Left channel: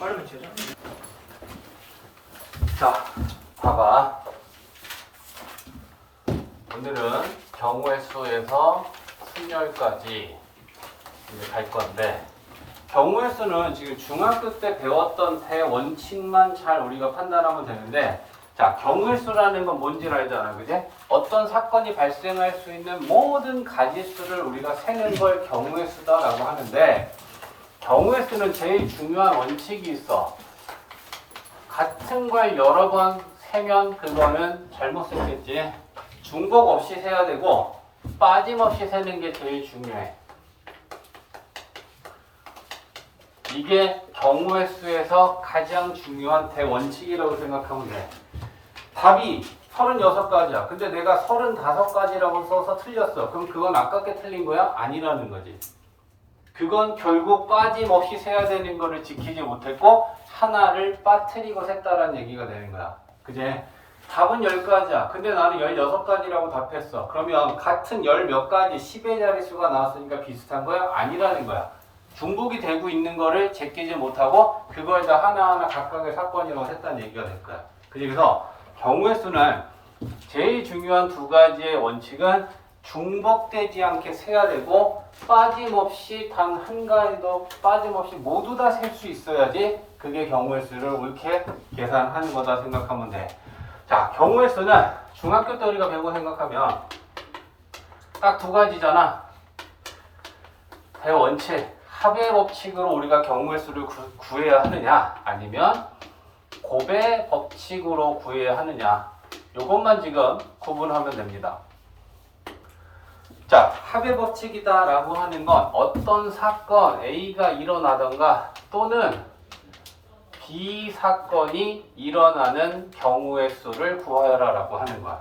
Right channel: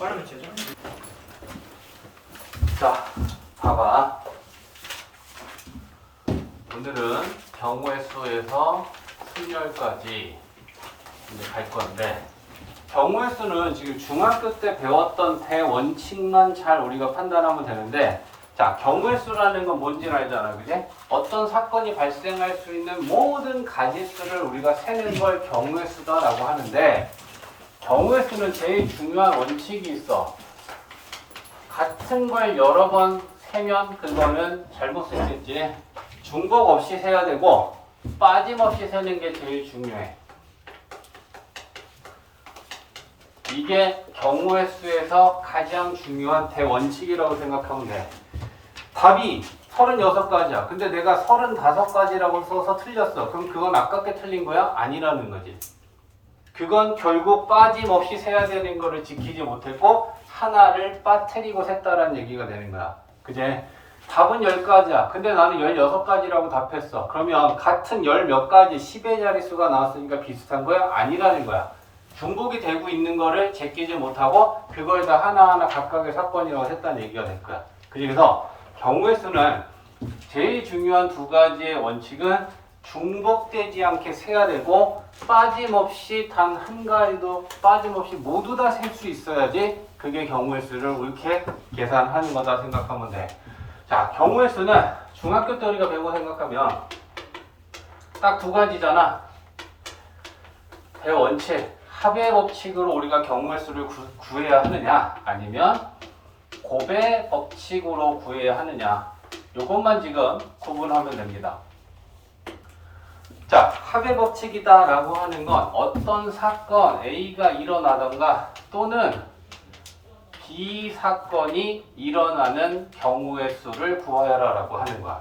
빨리 치자. 자, 봐봐. 오늘은 경우의 수에서 순열까지 이제 갈 건데, 경우의 수는 지금 중학교 때 배웠던 대원칙만 잘 우리가 판단하면 되는데, 자, 경우의 수라는 건 뭔지를 알잖아, 그지? 어떤 사건이 발생할 수 있는 모든 가지수를 우리가 세는 걸 경우의 수다라고 하는데, 경우의 수는 제일 중요한 원칙이 있어. 같은 걸 여러 번 세면 그거는 잘못 세겠지. 중복 없이 세야 되고 빠짐없이 세는 게 제일 중요해. 이게 경우의 수에서 가장 중요한 대원칙이라고 생각하면 돼. 답이 36가지야. 근데 내가 35가지라고 써서 틀렸어. 그럼 그건 아깝게 틀린 거야? 아니라는 거지. 그건 결국 빠짐없이 세야 되는 거를 지키지 못했고 하나를 빠뜨리고 셌다라는 얘기가 되는 거야. 그제? 답은 10가지야. 근데 나는 16가지라고 답했어. 그러면 같은 10 몇 가지 10의 자릿수가 나왔으니까 비슷한 거야? 아니라는 거야. 중복이 되고 있는 거를 제끼지 못하고 그거에다 하나하나 각각의 사건이라고 했다는 얘기가 될 거야. 그래서 경우의 수는 제일 중요한 두 가지의 원칙은 중복되지 않게 세야 되고 빠짐없이 단 한 가지도 빠짐없이 모두 다 셀 수 있어야지 그게 경우의 수를 옳게 계산하는 거다 생각하면 돼. 자, 경우의 수는 중학교 때 우리가 배운 거 생각하면 딱 두 가지잖아. 대원칙, 합의 법칙으로 우리가 경우의 수를 구해야 하느냐 아니면 곱의 법칙으로 구해야 하느냐, 이것만 지금 구분하면 됩니다. 자, 합의 법칙이다 라고 하는 건 어떤 사건 A가 일어나던가 또는 B 사건이 일어나는 경우의 수를 구하여라 라고 하는 거야.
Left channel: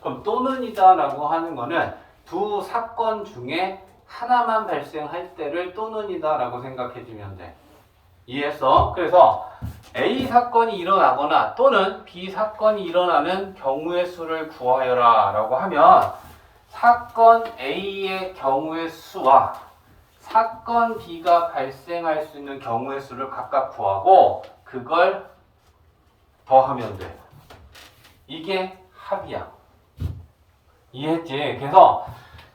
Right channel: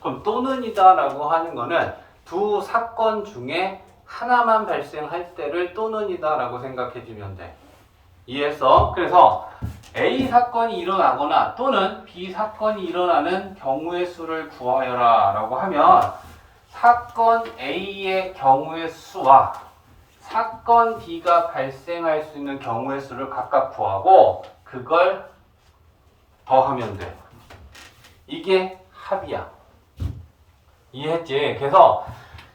그럼 또는이다 라고 하는 거는 두 사건 중에 하나만 발생할 때를 또는이다 라고 생각해 주면 돼. 이해했어? 그래서 A 사건이 일어나거나 또는 B 사건이 일어나는 경우의 수를 구하여라 라고 하면 사건 A의 경우의 수와 사건 B가 발생할 수 있는 경우의 수를 각각 구하고 그걸 더하면 돼. 이게 합이야. 이해했지? 그래서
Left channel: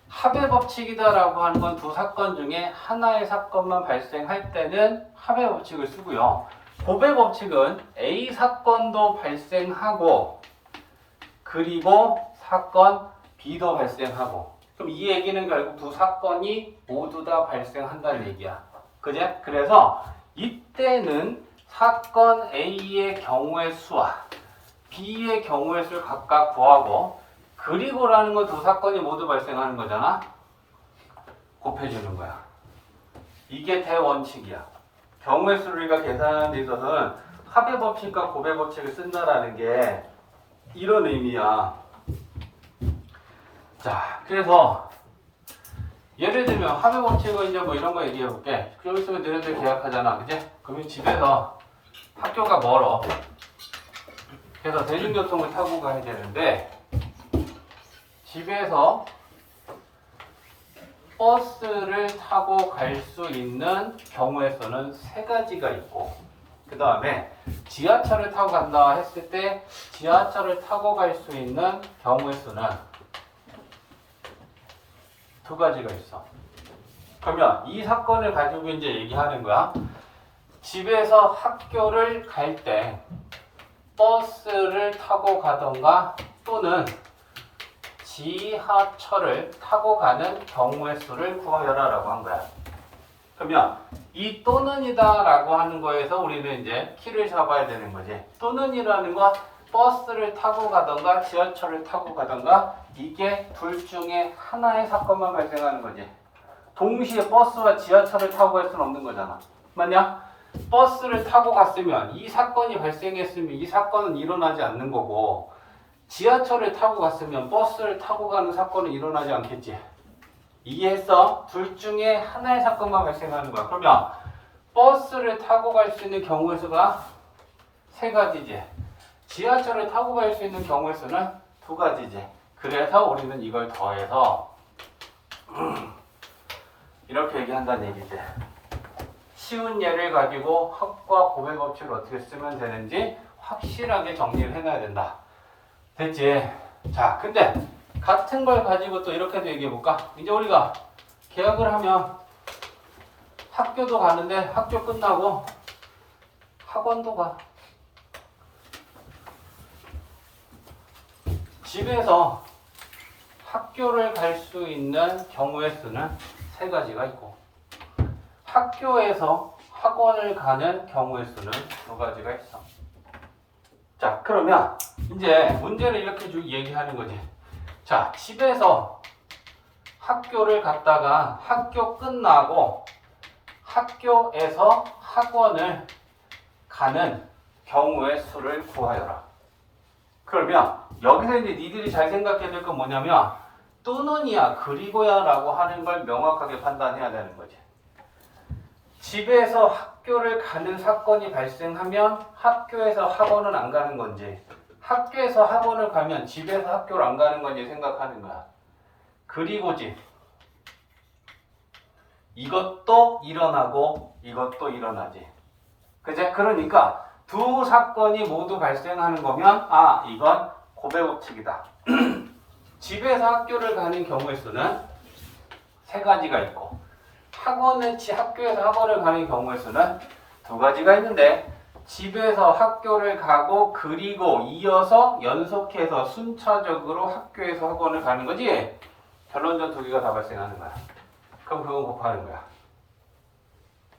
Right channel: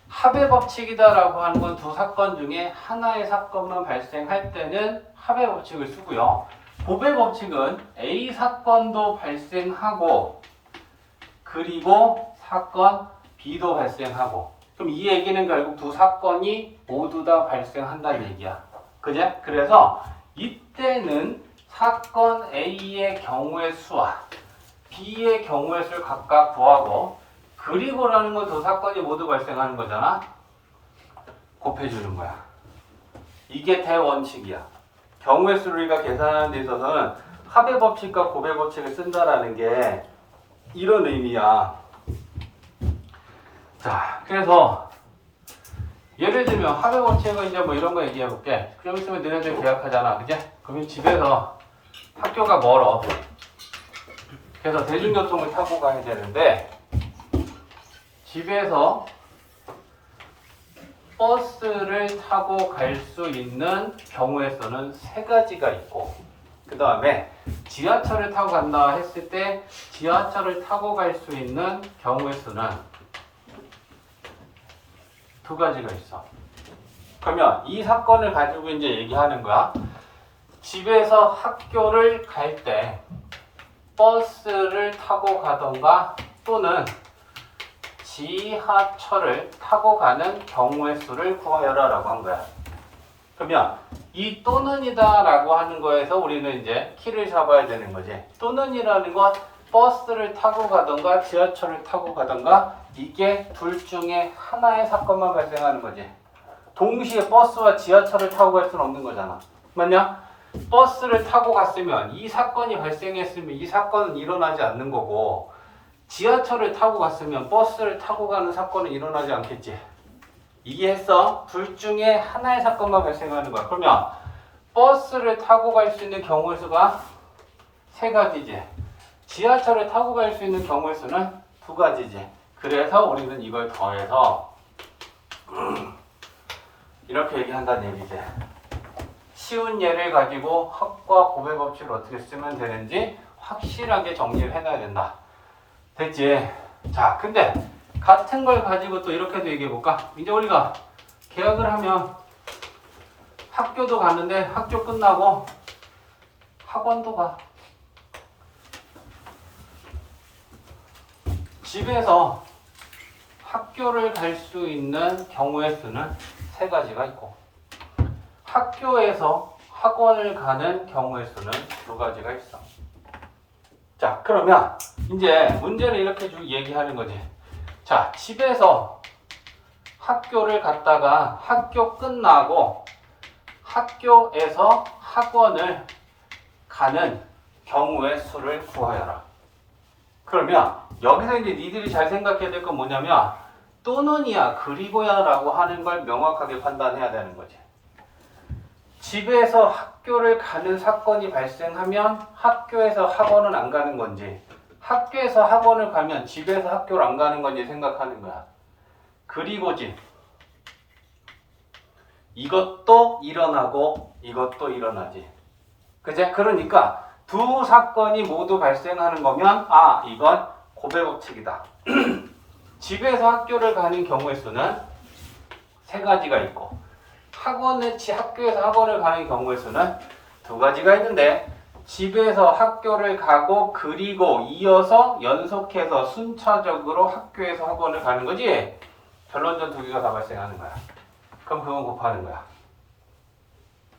합의 법칙이다 라고 하는 건 두 사건 중에 하나의 사건만 발생할 때는 합의 법칙을 쓰고요. 곱의 법칙은 A 사건도 발생하고 그리고 사건 B도 발생하고, 그럼 이 얘기는 결국 두 사건이 모두 다 발생한다는 얘기야. 그제? 그래서 이때는 사건 A의 경우의 수와 B의 경우의 수를 각각 구하고 그리고라는 건 두 사건이 모두 발생하는 거잖아. 곱해주는 거야. 이게 대원칙이야. 경우의 수를 우리가 계산하는 데 있어서는 합의 법칙과 곱의 법칙을 쓴다라는 게 이런 의미야. 자, 그래서 예를 들면 합의 법칙은 이제 뭐 이런 거 얘기해 볼게. 좀 있으면 너네들 계약하잖아, 그지? 그러면 집에서 학교가 멀어. 그래서 대중교통을 타고 가야 되는데 집에서 버스를 타고 갈 수 있는 경우의 수는 세 가지가 있고, 그 다음에 지하철을 타고 간다 했을 때 지하철을 타고 갈 수 있는 경우의 수는 두 가지가 있어. 그러면 이 사건을 가지고 이제 얘기하는 거야. 집에서 학교를 갈 때 버스를 타고 가던가 또는 지하철을 타고 가는 경우의 수를 구하여라 라고 한 거야. 그러면 이 또는이다 라고 하는 거에서 우리는 이제 키를 잡아야 되는 거지. 또는이라는 건 버스를 타고 가던가 지하철을 타고 가던가 이게 둘 중에 하나의 사건만 발생하는 거지. 동시에 버스와 지하철을 타고 갈 수는 없는 거잖아. 맞냐? 버스를 타고 갔으면 이 사건이 발생했으면 이 사건은 일어나지 않는 거고, 지하철을 타고 갔으면 버스를 타고 가는 사건은 일어나지 않겠지. 이해했어? 둘 중에 하나의 사건만 발생하는 거야. 그러면 버스를 타고 갈 수 있는 경우의 수가 세 가지지. 지하철을 타고 갈 수 있는 경우의 수는 두 가지지. 그래서 우리는 이걸 더해서 이렇게 얘기한다는 얘기지. 쉬운 예를 가지고 합과 곱의 법칙을 어떻게 쓰면 되는지 확실하게 정리를 해놔야 된다. 됐지? 자, 근데 같은 걸 가지고 또 이렇게도 얘기해 볼까? 이제 우리가 계약을 하면 학교도 가는데 학교 끝나고 학원도 가. 집에서 학교를 갈 수 있는 경우의 수는 세 가지가 있고, 학교에서 학원을 가는 경우의 수는 두 가지가 있어. 자, 그러면 이제 문제를 이렇게 쭉 얘기하는 거지. 자, 집에서 학교를 갔다가 학교 끝나고 학교에서 학원을 가는 경우의 수를 구하여라. 그러면 여기서 이제 니들이 잘 생각해야 될 건 뭐냐면 또는이야 그리고야 라고 하는 걸 명확하게 판단해야 되는 거지. 집에서 학교를 가는 사건이 발생하면 학교에서 학원은 안 가는 건지, 학교에서 학원을 가면 집에서 학교를 안 가는 건지 생각하는 거야. 그리고지. 이것도 일어나고 이것도 일어나지. 그제? 그러니까 두 사건이 모두 발생하는 거면 이건 곱의 법칙이다. 집에서 학교를 가는 경우의 수는 세 가지가 있고, 학교에서 학원을 가는 경우의 수는 두 가지가 있는데, 집에서 학교를 가고 그리고 이어서 연속해서 순차적으로 학교에서 학원을 가는 거지. 결론적 두 개가 다 발생하는 거야. 그럼 그건 곱하는 거야.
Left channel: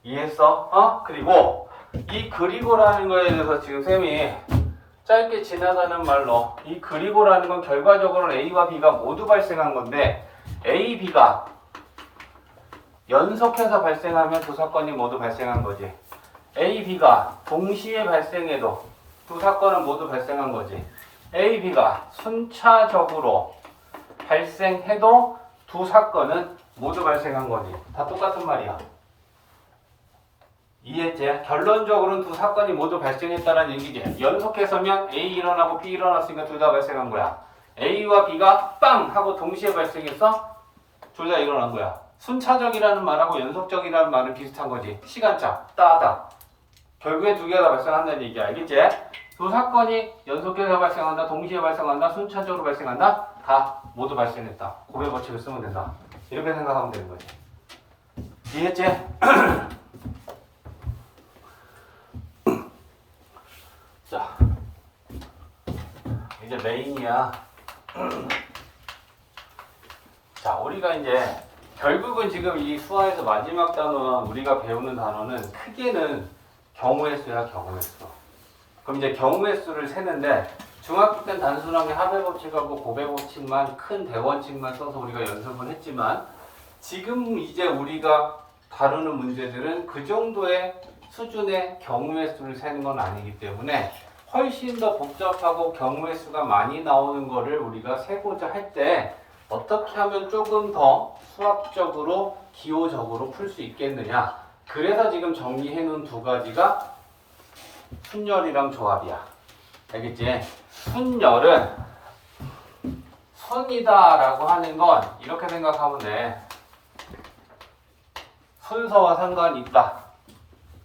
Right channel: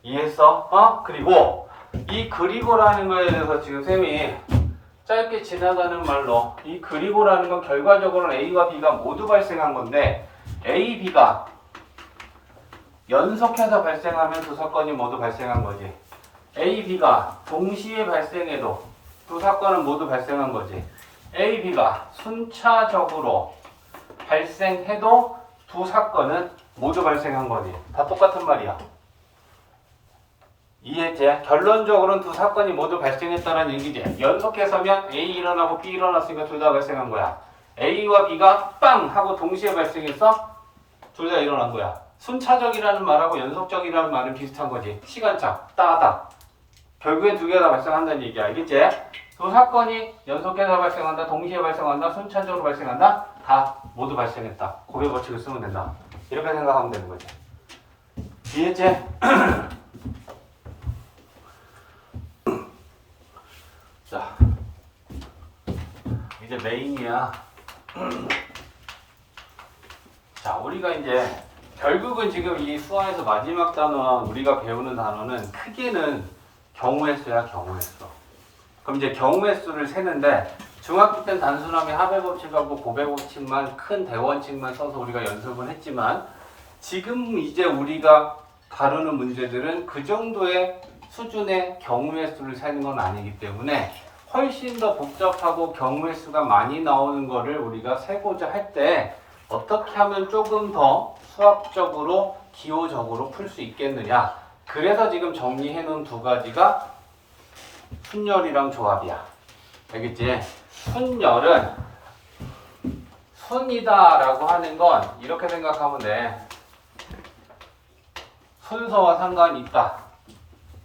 이해했어? 그리고 이 그리고라는 거에 대해서 지금 쌤이 짧게 지나가는 말로, 이 그리고라는 건 결과적으로는 A와 B가 모두 발생한 건데, A, B가 연속해서 발생하면 두 사건이 모두 발생한 거지. A, B가 동시에 발생해도 두 사건은 모두 발생한 거지. A, B가 순차적으로 발생해도 두 사건은 모두 발생한 거지. 다 똑같은 말이야. 이해했지? 결론적으로는 두 사건이 모두 발생했다는 얘기지. 연속해서면 A 일어나고 B 일어났으니까 둘 다 발생한 거야. A와 B가 빵! 하고 동시에 발생해서 둘 다 일어난 거야. 순차적이라는 말하고 연속적이라는 말은 비슷한 거지. 시간차, 따다. 결국엔 두 개가 다 발생한다는 얘기야. 알겠지? 두 사건이 연속해서 발생한다, 동시에 발생한다, 순차적으로 발생한다. 다 모두 발생했다. 곱의 법칙을 쓰면 된다. 이렇게 생각하면 되는 거지. 이해했지? 자, 이제 메인이야. 자, 우리가 이제 결국은 지금 이 수화에서 마지막 단어는 우리가 배우는 단어는 크게는 경우의 수야, 경우의 수. 그럼 이제 경우의 수를 세는데, 중학교 때는 단순하게 합의 법칙하고 곱의 법칙만, 큰 대원칙만 써서 우리가 연습을 했지만, 지금 이제 우리가 다루는 문제들은 그 정도의 수준의 경우의 수를 세는 건 아니기 때문에 훨씬 더 복잡하고 경우의 수가 많이 나오는 거를 우리가 세고자 할 때 어떻게 하면 조금 더 수학적으로 기호적으로 풀 수 있겠느냐. 그래서 지금 정리해 놓은 두 가지가 순열이랑 조합이야. 알겠지? 순열은 순이다 라고 하는 건 이렇게 생각하면 돼. 순서와 상관이 있다.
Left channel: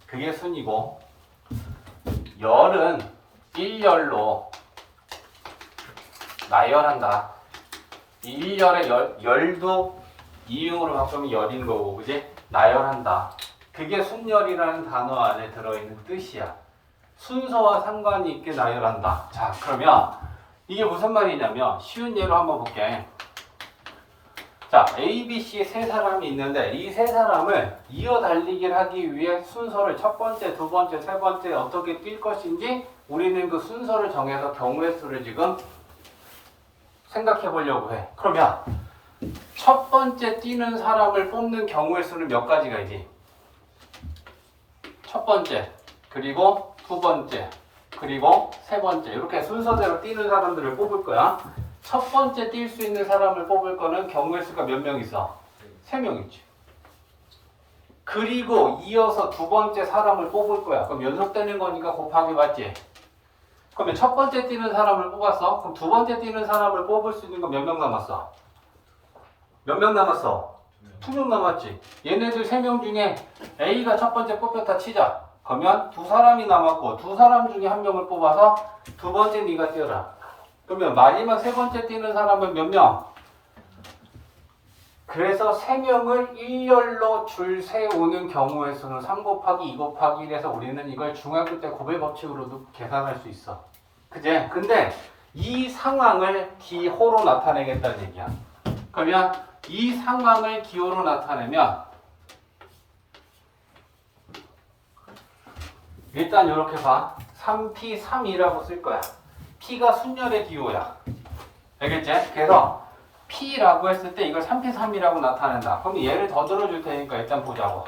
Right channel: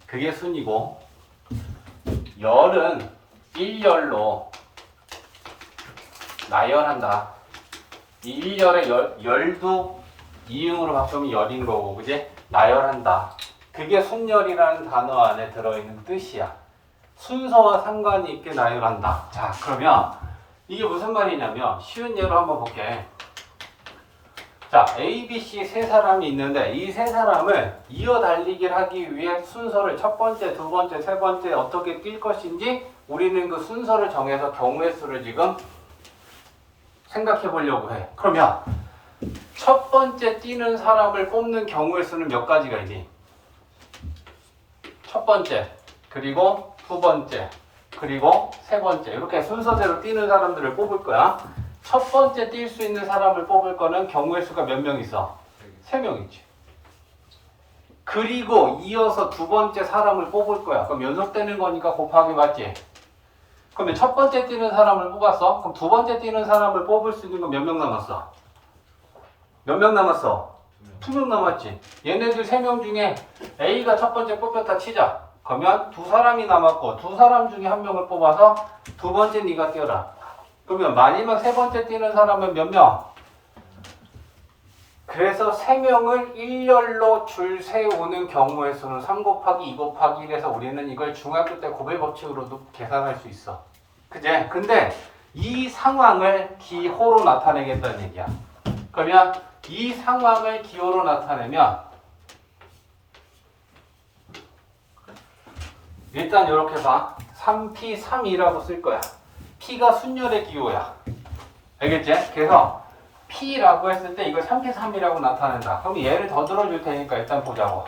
그게 순이고, 열은 일열로 나열한다. 이 일열의 열도 이응으로 바꾸면 열인 거고, 그지? 나열한다. 그게 순열이라는 단어 안에 들어있는 뜻이야. 순서와 상관이 있게 나열한다. 자, 그러면 이게 무슨 말이냐면 쉬운 예로 한번 볼게. 자, A, B, C 세 사람이 있는데 이 세 사람을 이어 달리기를 하기 위해 순서를 첫 번째, 두 번째, 세 번째 어떻게 뛸 것인지 우리는 그 순서를 정해서 경우의 수를 지금 생각해 보려고 해. 그러면 첫 번째 뛰는 사람을 뽑는 경우의 수는 몇 가지가 있니? 첫 번째, 그리고 두 번째, 그리고 세 번째, 이렇게 순서대로 뛰는 사람들을 뽑을 거야. 첫 번째 뛸 수 있는 사람을 뽑을 거는 경우의 수가 몇 명 있어? 3명 있지. 그리고 이어서 두 번째 사람을 뽑을 거야. 그럼 연속되는 거니까 곱하기 맞지? 그러면 첫 번째 뛰는 사람을 뽑았어? 그럼 두 번째 뛰는 사람을 뽑을 수 있는 건 몇 명 남았어? 몇 명 남았어? 2명 남았지. 얘네들 3명 중에 A가 첫 번째 뽑혔다 치자. 그러면 두 사람이 남았고 두 사람 중에 한 명을 뽑아서 두 번째 네가 뛰어라. 그러면 마지막 세 번째 뛰는 사람은 몇 명? 그래서 3명을 일렬로 줄 세우는 경우의 수는 3 곱하기 2 곱하기 1에서 우리는 이걸 중학교 때 고배 법칙으로도 계산할 수 있어. 그제? 근데 이 상황을 기호로 나타내겠다는 얘기야. 그러면 이 상황을 기호로 나타내면 일단 이렇게 봐. 3P, 3이라고 쓸 거야. P가 순열의 기호야. 알겠지? 그래서 P라고 했을 때 이걸 3P, 3이라고 나타낸다. 그럼 얘를 더 들어줄 테니까 일단 보자고.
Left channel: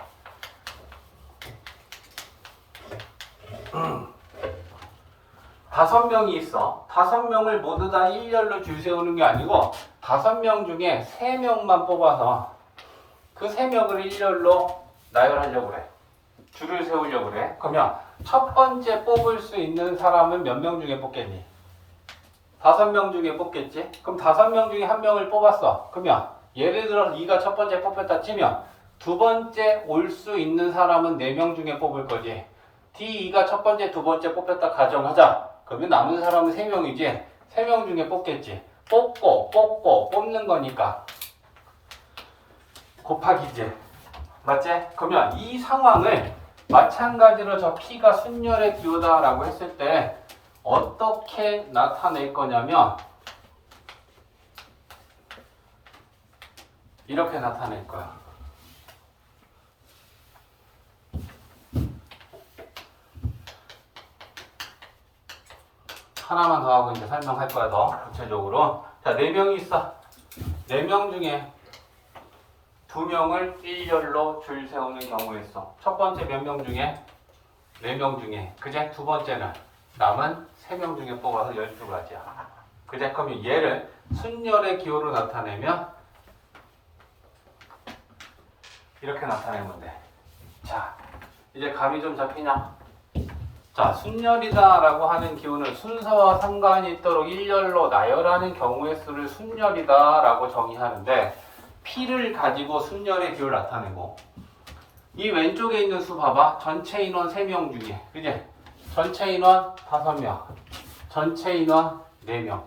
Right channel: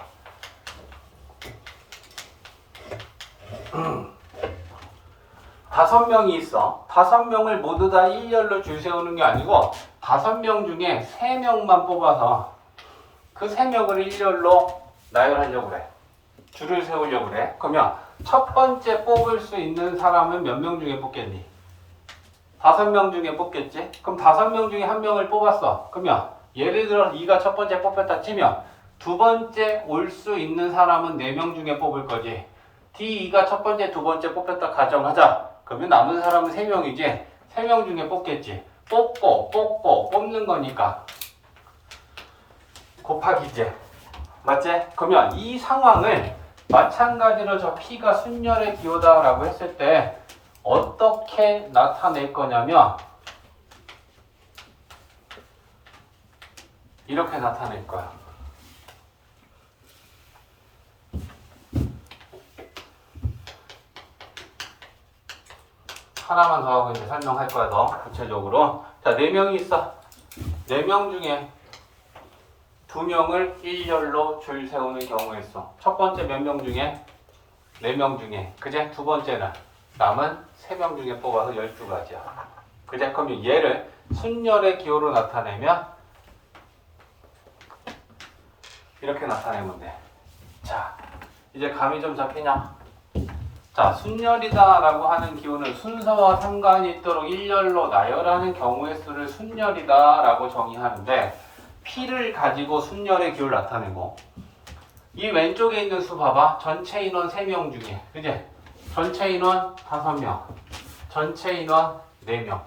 다섯 명이 있어. 5명을 모두 다 일렬로 줄 세우는 게 아니고 5명 중에 3명만 뽑아서 그 3명을 일렬로 나열하려고 그래. 줄을 세우려고 그래. 그러면 첫 번째 뽑을 수 있는 사람은 몇 명 중에 뽑겠니? 5명 중에 뽑겠지? 그럼 5명 중에 1명을 뽑았어. 그러면 예를 들어 네가 첫 번째 뽑혔다 치면 두 번째 올 수 있는 사람은 4명 중에 뽑을 거지. D2가 첫 번째, 두 번째 뽑혔다 가정하자. 그러면 남은 사람은 3명이지. 3명 중에 뽑겠지. 뽑고 뽑는 거니까 곱하기지. 맞지? 그러면 이 상황을 마찬가지로 저 P가 순열의 기호다라고 했을 때 어떻게 나타낼 거냐면 이렇게 나타낼 거야. 하나만 더 하고 이제 설명할 거야. 더 구체적으로. 자, 4명이 있어. 4명 중에 2명을 일렬로 줄 세우는 경우에 있어. 첫 번째 몇 명 중에? 4명 중에. 그제? 두 번째는 남은 3명 중에 뽑아서 12가지야. 그제? 그러면 얘를 순열의 기호로 나타내면 이렇게 나타내면 돼. 자, 이제 감이 좀 잡히냐? 자, 순열이다 라고 하는 기호는 순서와 상관이 있도록 일렬로 나열하는 경우의 수를 순열이다 라고 정의하는데 P를 가지고 순열의 기호를 나타내고 이 왼쪽에 있는 수 봐봐. 전체 인원 3명 중에 그지? 전체 인원 5명 전체 인원 4명.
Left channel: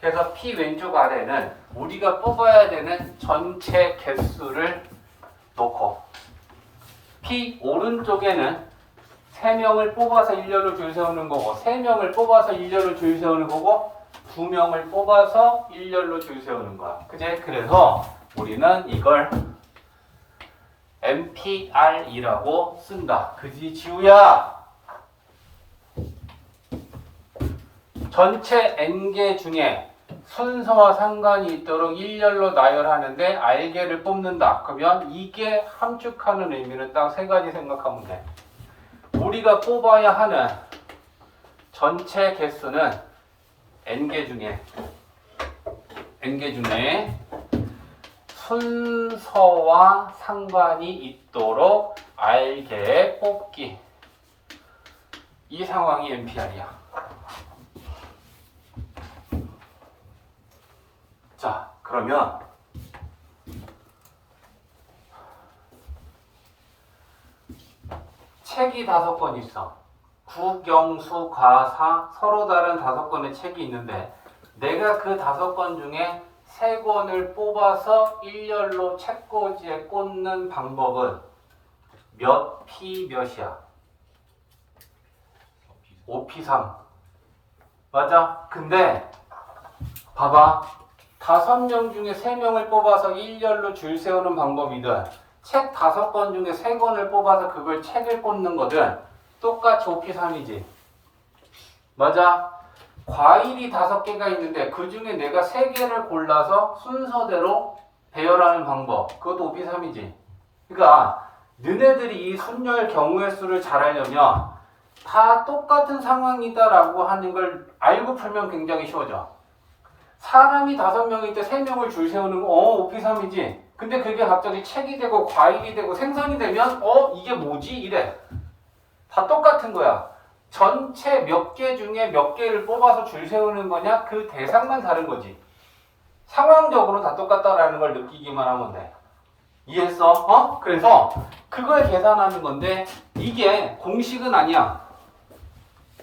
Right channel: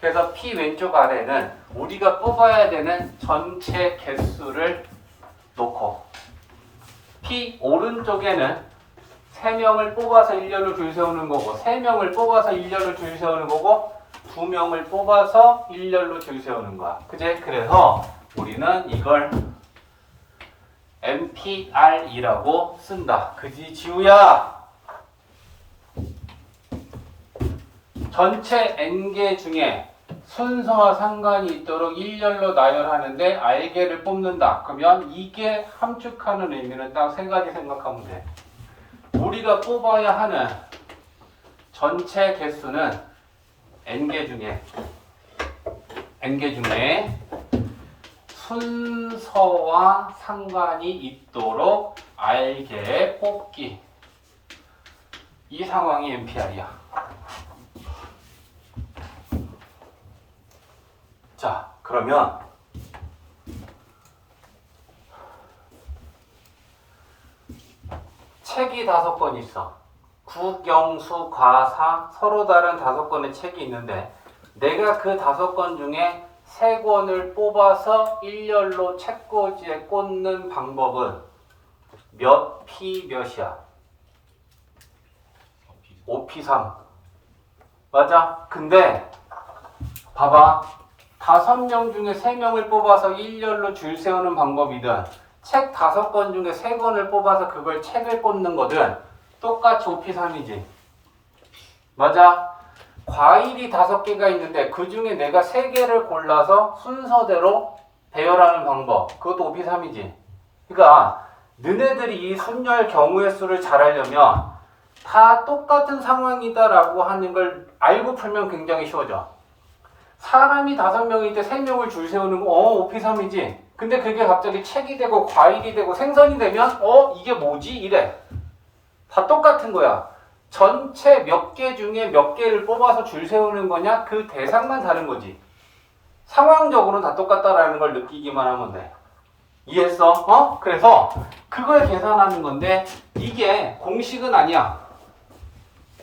그래서 P 왼쪽 아래는 우리가 뽑아야 되는 전체 개수를 놓고 P 오른쪽에는 3명을 뽑아서 일렬로 줄 세우는 거고 3명을 뽑아서 일렬로 줄 세우는 거고 2명을 뽑아서 일렬로 줄 세우는 거야. 그제? 그래서 우리는 이걸 MPR이라고 쓴다. 그지 지우야? 전체 N개 중에 순서와 상관이 있도록 일렬로 나열하는데 R개를 뽑는다. 그러면 이게 함축하는 의미는 딱 3가지 생각하면 돼. 우리가 뽑아야 하는 전체 개수는 N개 중에 순서와 상관이 있도록 R개 뽑기. 이 상황이 MPR이야. 자, 그러면 책이 5권 있어. 국영수, 과사 서로 다른 5권의 책이 있는데 내가 그 5권 중에 3권을 뽑아서 일렬로 책꽂이에 꽂는 방법은 몇 P 몇이야? 5P3 맞아? 근데 봐봐. 5명 중에 3명을 뽑아서 일렬로 줄 세우는 방법이든 책 5권 중에 3권을 뽑아서 그걸 책을 꽂는 거든 똑같이 5P3이지. 맞아? 과일이 5개가 있는데 그 중에 내가 3개를 골라서 순서대로 배열하는 방법. 그것도 5P3이지. 그러니까 너네들이 이 순열 경우의 수를 잘 알려면 다 똑같은 상황이다라고 하는 걸 알고 풀면 굉장히 쉬워져. 사람이 5명일 때 3명을 줄 세우는 거 5P3이지. 근데 그게 갑자기 책이 되고 과일이 되고 생선이 되면 이게 뭐지? 이래. 다 똑같은 거야. 전체 몇 개 중에 몇 개를 뽑아서 줄 세우는 거냐? 그 대상만 다른 거지. 상황적으로는 다 똑같다라는 걸 느끼기만 하면 돼. 이해했어? 그래서 그걸 계산하는 건데 이게 공식은 아니야.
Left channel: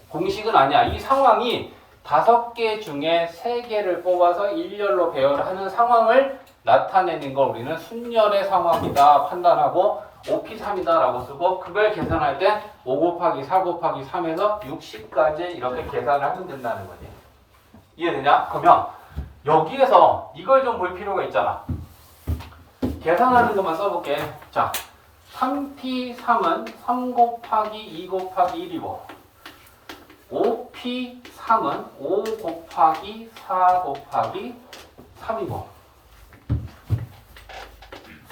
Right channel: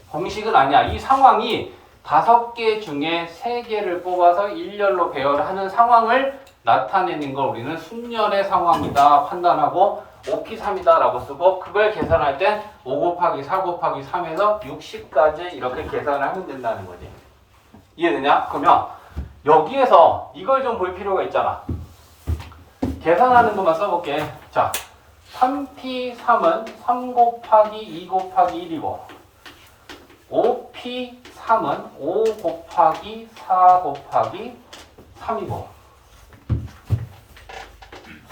공식은 아니야. 이 상황이 5개 중에 3개를 뽑아서 일렬로 배열하는 상황을 나타내는 걸 우리는 순열의 상황이다 판단하고 OP3이다 라고 쓰고 그걸 계산할 때 5 곱하기 4 곱하기 3에서 60까지 이렇게 계산을 하면 된다는 거지. 이해되냐? 그러면 여기에서 이걸 좀 볼 필요가 있잖아. 계산하는 것만 써볼게. 자, 3P3은 3 곱하기 2 곱하기 1이고 5P3은 5 곱하기 4 곱하기 3이고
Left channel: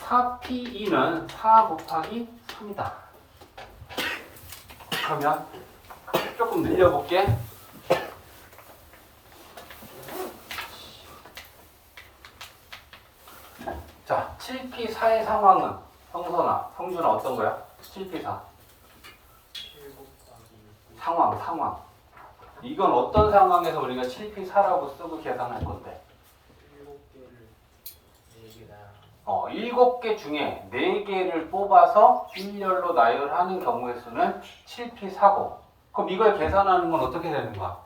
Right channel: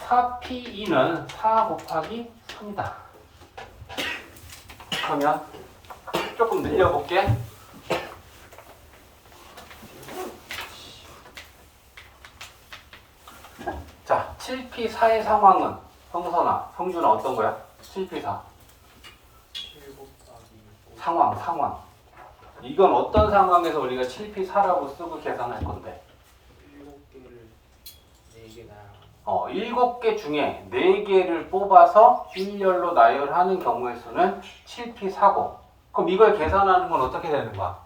4P2는 4 곱하기 3이다. 그러면 조금 늘려볼게. 자, 7P4의 상황은 성선아, 성준아 어떤 거야? 7P4 상황. 이건 어떤 상황에서 우리가 7P4라고 쓰고 계산할 건데? 7개 중에 4개를 뽑아서 일렬로 나열하는 경우의 수는 7P4고 그럼 이걸 계산하는 건 어떻게 되는 거야?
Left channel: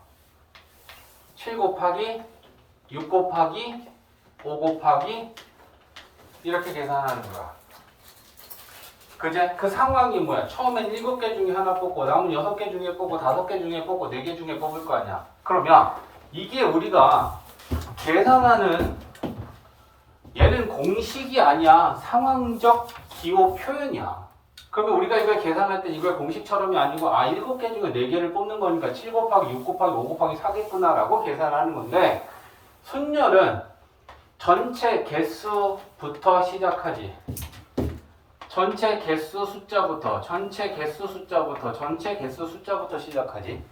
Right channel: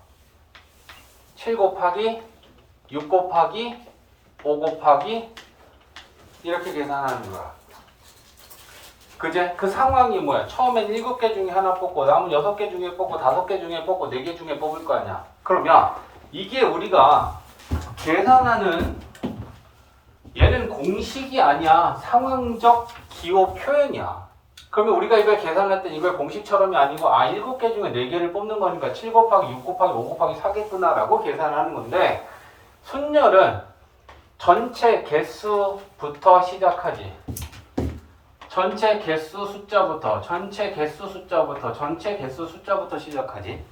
7 곱하기 6 곱하기 5 곱하기 이렇게 계산하는 거야. 그제? 그 상황이 뭐야? 처음엔 7개 중에 하나 뽑고 남은 6개 중에 뽑고 5개 중에 뽑고 4개 중에 뽑을 거 아니야. 그러면 이게 우리가 계산하는 얘는 공식이 아니야. 상황적 기호 표현이야. 그러면 우리가 이걸 계산할 때 이걸 공식처럼이 아니고 7개 중에 4개를 뽑는 거니까 7 곱하기 6 곱하기 5 곱하기 4겠구나 라고 계산하는 건데 순열은 전체 개수부터 시작하지. 전체 개수 숫자부터 시작하지.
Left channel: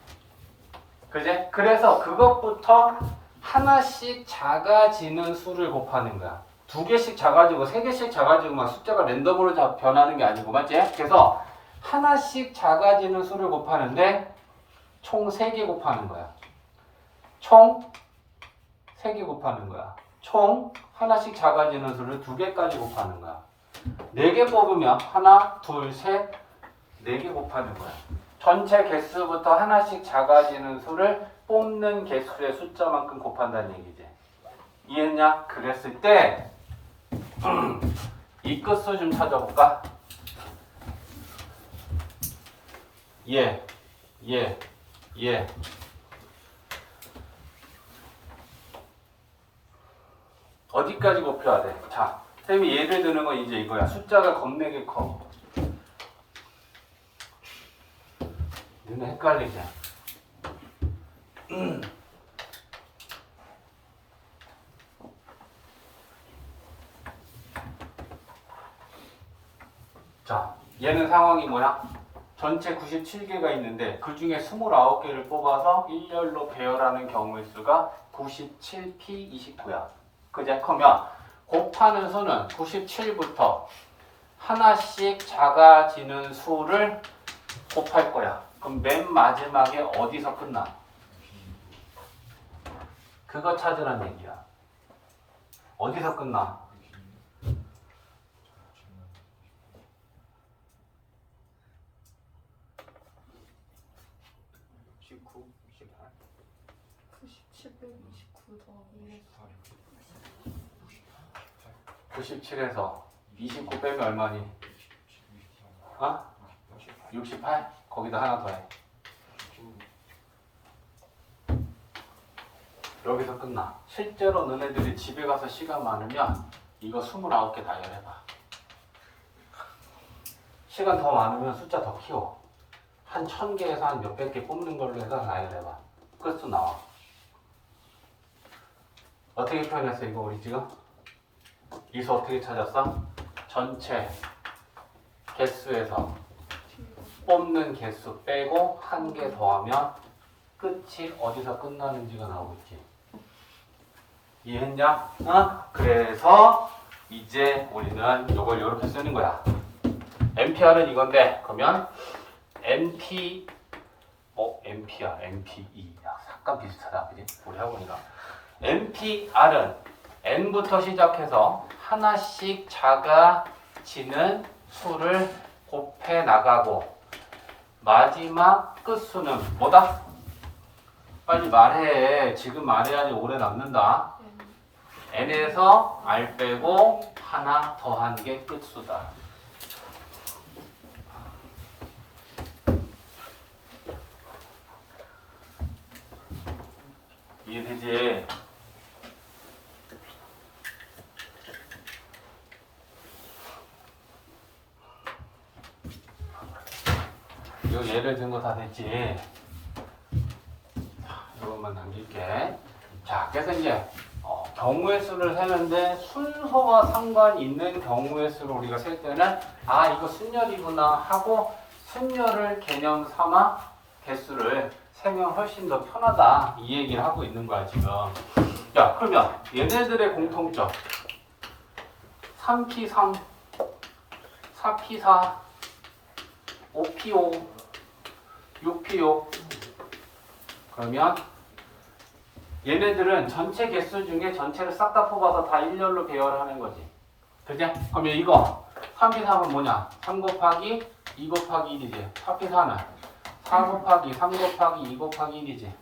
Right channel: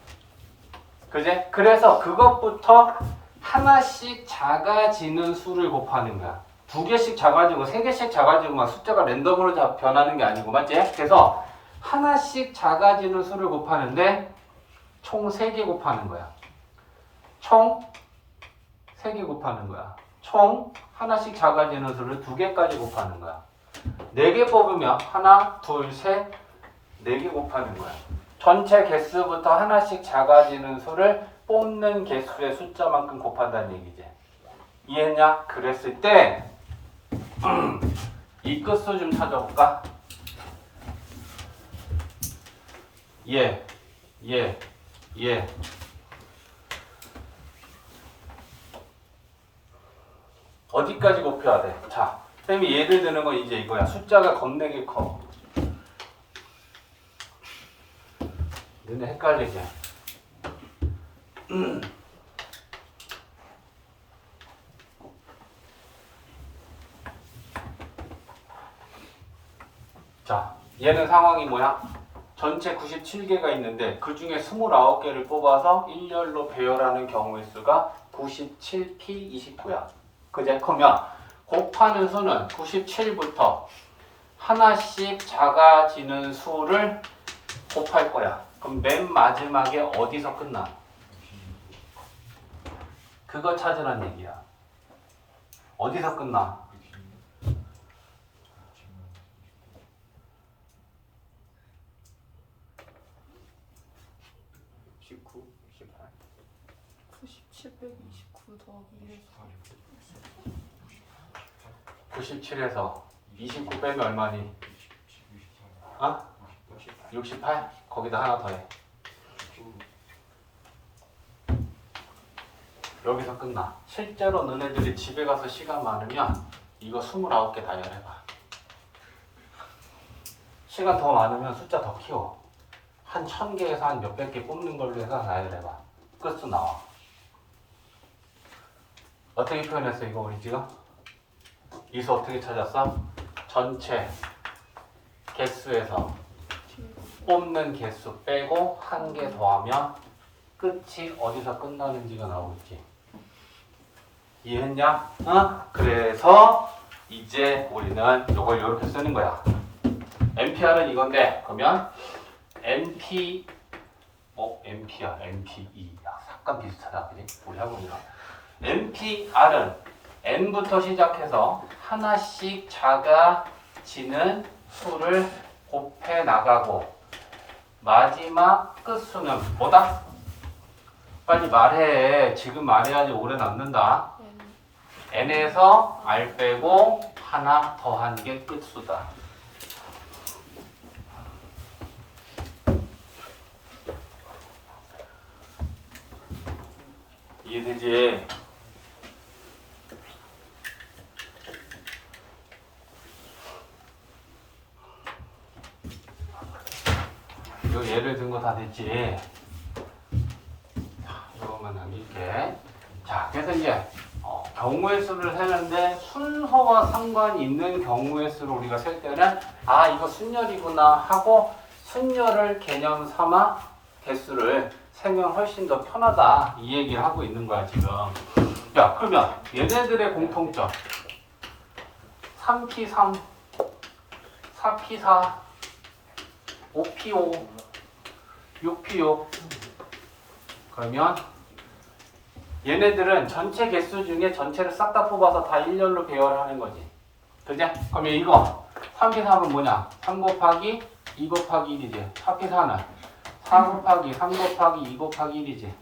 그지? 그래서 그것부터 하나씩 작아지는 수를 곱하는 거야. 2개씩 작아지고 3개씩 작아지고 숫자가 랜덤으로 변하는 게 아니고 맞지? 그래서 하나씩 작아지는 수를 곱하는데 총 3개 곱하는 거야. 총 3개 곱하는 거야. 총 하나씩 작아지는 수를 2개까지 곱하는 거야. 4개 뽑으면 하나, 둘, 셋, 4개 곱하는 거야. 전체 개수부터 하나씩 작아지는 수를 뽑는 개수의 숫자만큼 곱한다는 얘기지. 이해했냐? 그랬을 때 이 끝수 좀 찾아볼까? 예. 어디까지 곱해야 돼? 자, 쌤이 예를 드는 건 이제 이거야. 숫자가 겁나게 커. 너네 헷갈리지? 자, 얘는 상황이 뭐야? 전체 97개가 있는데 그 중에 29개를 뽑아서 일렬로 배열하는 경우의 수가 97P29야. 그제? 그러면 곱하는 수는 97부터 하나씩 작아지는 수를 곱할 거야. 그럼 맨 마지막에 어디서 끝나? 그거 찾으란 얘기야. 어디서 끝나? 97에서 29 빼면 얼마니? 68? 거기다 하나 더해. 여기서 끝나. 실제로 너네들이 집에 가서 시간 많으면 이거 29개 나열해봐. 시간 더 많으면 숫자 더 키워. 한 1000개에서 한 몇백 개 뽑는 걸로 해서 나열해봐. 끝수 나와. 어떻게 표현했어 이거 우리 지금? 이 수 어떻게 찾았어? 전체 개수에서 뽑는 개수 빼고 한 개 더하면 끝이 어디서 끝나는지가 나오겠지. 이해했냐? 그래서 이제 우리는 이걸 이렇게 쓰는 거야. MPR은 이건데 그러면 MP MPR, MPE 약간 비슷하다 그지? 우리 학원이랑 MPR은 N부터 시작해서 하나씩 작아지는 지는 수를 곱해 나가고 마지막 끝수는 뭐다? 빨리 말해. 지금 말해야지 오래 남는다. n에서 r 빼고 하나 더한 게 끝수다. 이해되지? 이거 예를 든 거 다 됐지? 이것만 남길게. 자, 그래서 이제 경우의 수를 세는데 순서와 상관이 있는 경우의 수를 우리가 셀 때는 아, 이거 순열이구나 하고 순열을 개념 삼아 개수를 세면 훨씬 더 편하다 이 얘기를 하고 있는 거야 지금. 야, 그러면 얘네들의 공통점 3P3 4P4 5P5 6P6 그러면 얘네들은 전체 개수 중에 전체를 싹 다 뽑아서 다 일렬로 배열하는 거지. 그지? 그러면 이거 3P3은 뭐냐? 3 곱하기 2 곱하기 1이지. 4P4는 4 곱하기 3 곱하기 2 곱하기 1이지.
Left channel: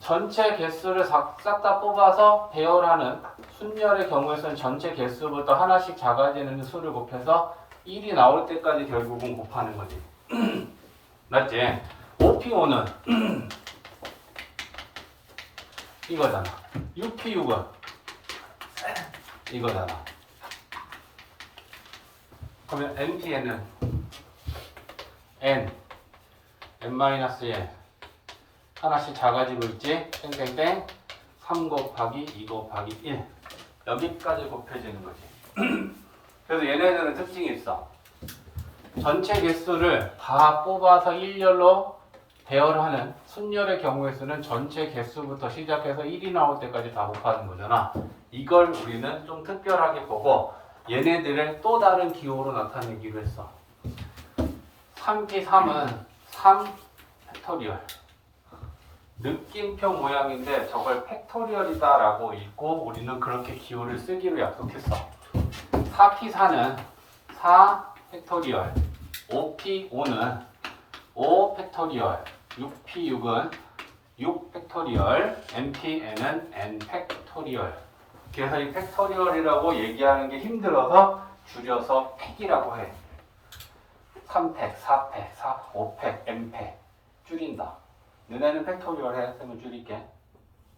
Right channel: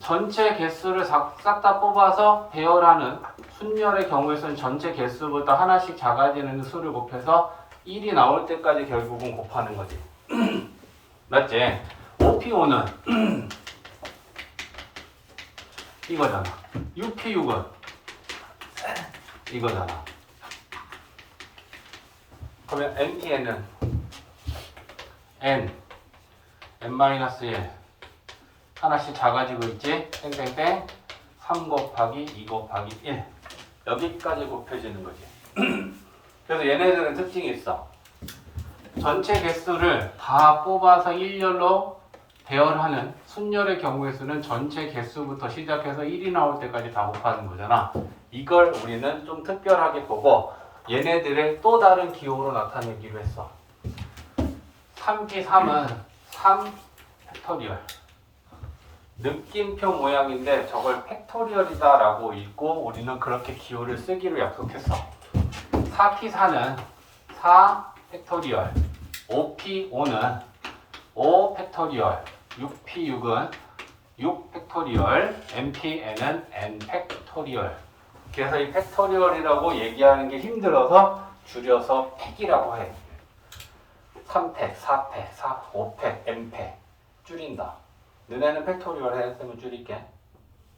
전체 개수를 싹 다 뽑아서 배열하는 순열의 경우에서는 전체 개수부터 하나씩 작아지는 수를 곱해서 1이 나올 때까지 결국은 곱하는 거지. 맞지? 5P5는 이거잖아. 6P6은 이거잖아. 그러면 NPN은 N-1 하나씩 작아지고 있지? 땡땡땡 3 곱하기 2 곱하기 1 여기까지 곱해지는 거지. 그래서 얘네들은 특징이 있어. 전체 개수를 다 뽑아서 일렬로 배열하는 순열의 경우의 수는 전체 개수부터 시작해서 1이 나올 때까지 다 곱하는 거잖아. 이걸 우리는 좀 특별하게 보고 얘네들의 또 다른 기호로 나타내기로 했어. 3P3은 3 팩토리얼. 느낌표 모양인데 저걸 팩토리얼이다 라고 읽고 우리는 그렇게 기호를 쓰기로 약속했어. 4P4는 4 팩토리얼. 5P5는 5 팩토리얼. 6P6은 6 팩토리얼, NPN은 N 팩토리얼. 그래서 이 팩토리얼이라고 얘기하는 게 힘들어서 줄여서 팩이라고 해. 3팩, 4팩, 5팩, N팩 줄인다. 너네는 팩토리얼 해. 쌤은 줄일게.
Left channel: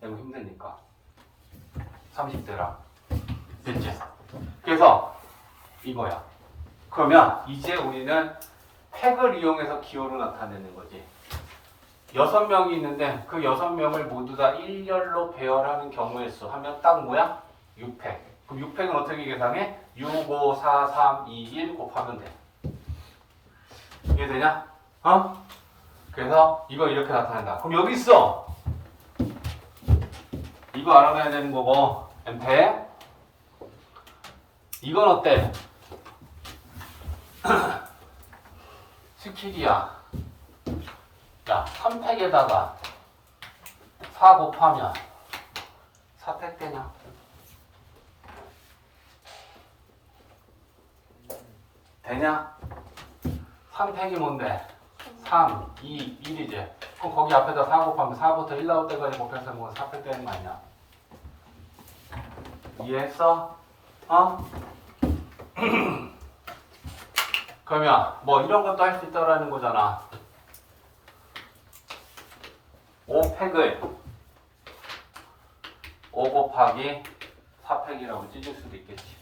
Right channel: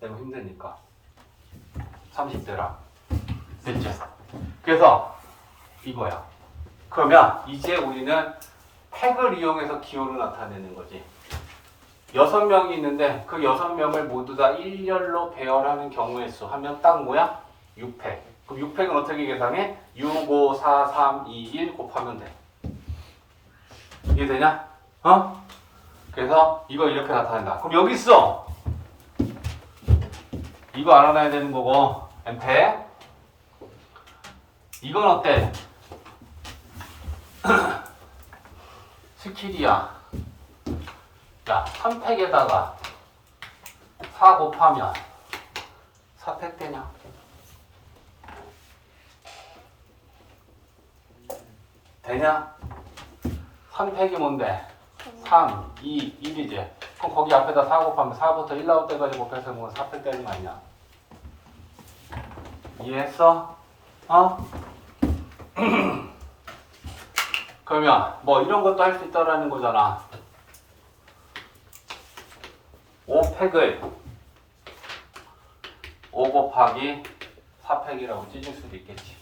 너무 힘드니까. 30대라. 됐죠? 그래서 이거야. 그러면 이제 우리는 팩을 이용해서 기호로 나타내는 거지. 6명이 있는데 그 6명을 모두 다 일렬로 배열하는 경우의 수 하면 딱 뭐야? 6팩. 그럼 6팩은 어떻게 계산해? 6, 5, 4, 3, 2, 1 곱하면 돼. 이해되냐? 그래서 이걸 이렇게 나타낸다. 그럼 여기 있어. 이거 알아놔야 되는 거고 N팩. 이건 어때? 스킬이야. 야, 3팩에다가 4 곱하면 4팩 되냐? 되냐? 3팩이 뭔데? 3, 2, 1이지. 그럼 거기 앞에다 4 곱하면 4부터 1 나올 때까지 곱해서 뭐 4팩 되는 거 아니야? 이해했어? 그러면 뭐 이런 것도 할 수 있다라는 거잖아. 5팩을 5 곱하기 4팩이라고 찢을 수도 있겠지.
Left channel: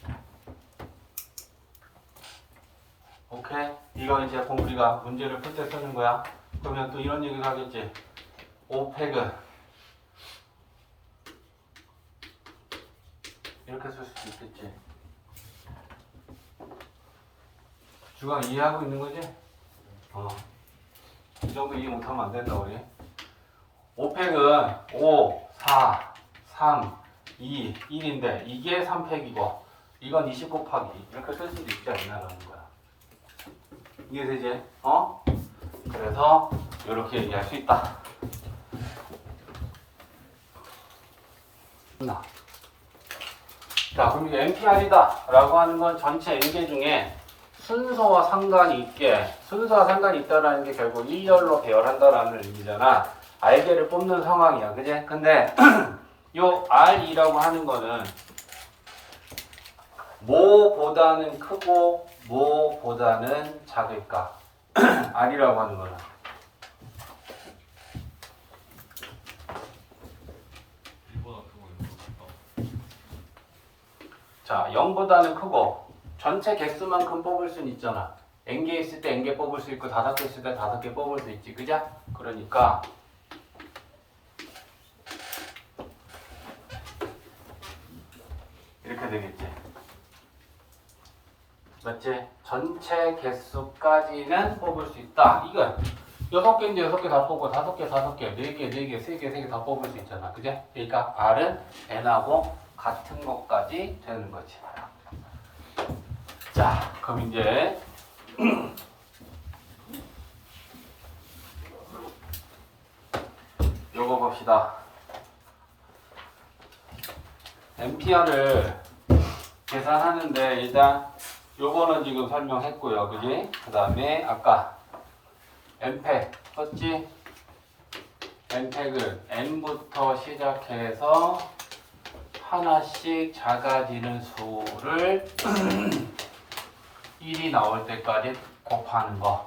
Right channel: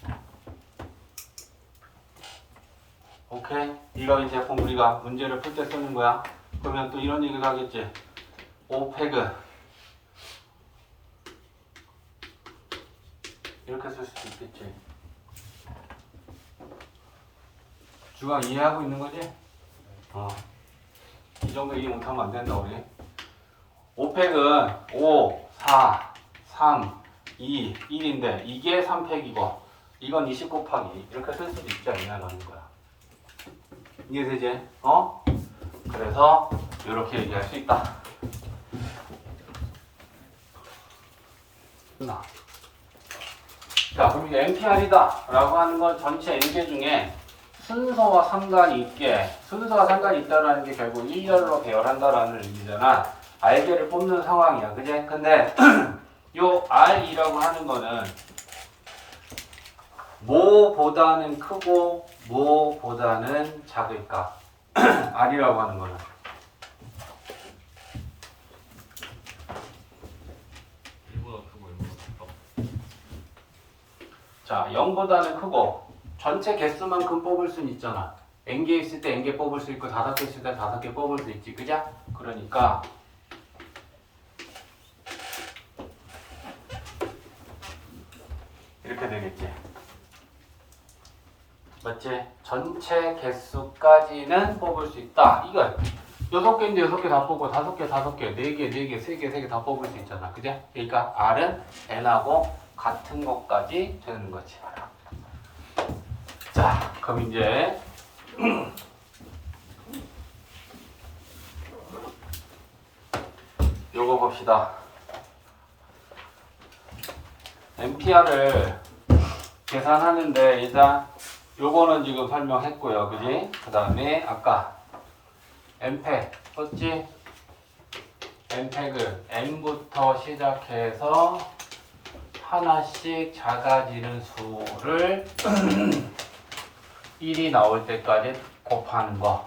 오케이? 이거는 제품 우리가 문제를 풀 때 쓰는 거야. 그러면 또 이런 얘기도 하겠지. 5팩은 이렇게 쓸 수도 있겠지. 중앙 이해하고 있는 거지? 이 정도 이해 못하면 안 된다 우리. 5팩은 5, 4, 3, 2, 1인데 이게 3팩이고 이건 20 곱하기 이렇게 쓸 수도 있지 않냐라는 거야. 이해되지? 그래서 이렇게 얘기할 수 있다. 자, 그럼 이제 NPR이다 라고 하는 건 전체 N개 중에 순서와 상관이 있다라는 게 결국 일렬로 배열한다라는 의미잖아. R개를 뽑는 상황이야. 그제? 근데 요 R이라고 하는 거는 뭐보다는 크고 뭐보다는 작을까? R이라고 하는 거는 자, 0보다는 크고 전체 개수만큼 뽑을 수는 있잖아. n개 있을 때 n개 뽑을 수 있고 5개 있을 때 5개 뽑을 수 있지. 그죠? 그러니까 이렇게 되겠지. 맞지? 전체 개수까지는 뽑을 수 있다. 이걸 6개인데 6개 다 뽑고 5개, 5개, 4개, 4개, 3개, 3개 다 뽑을 수 있잖아. 그죠? 그러니까 R은 n하고 같은 것까지 되는 거지. 자, 그럼 이제 요거 봅시다. NPR을 계산하는데 일단 요거는 지금 설명했고요. 그지? 그 다음에 아까 N팩 썼지? N팩을 N부터 시작해서 하나씩 작아지는 수를 1이 나올 때까지 곱하는 거.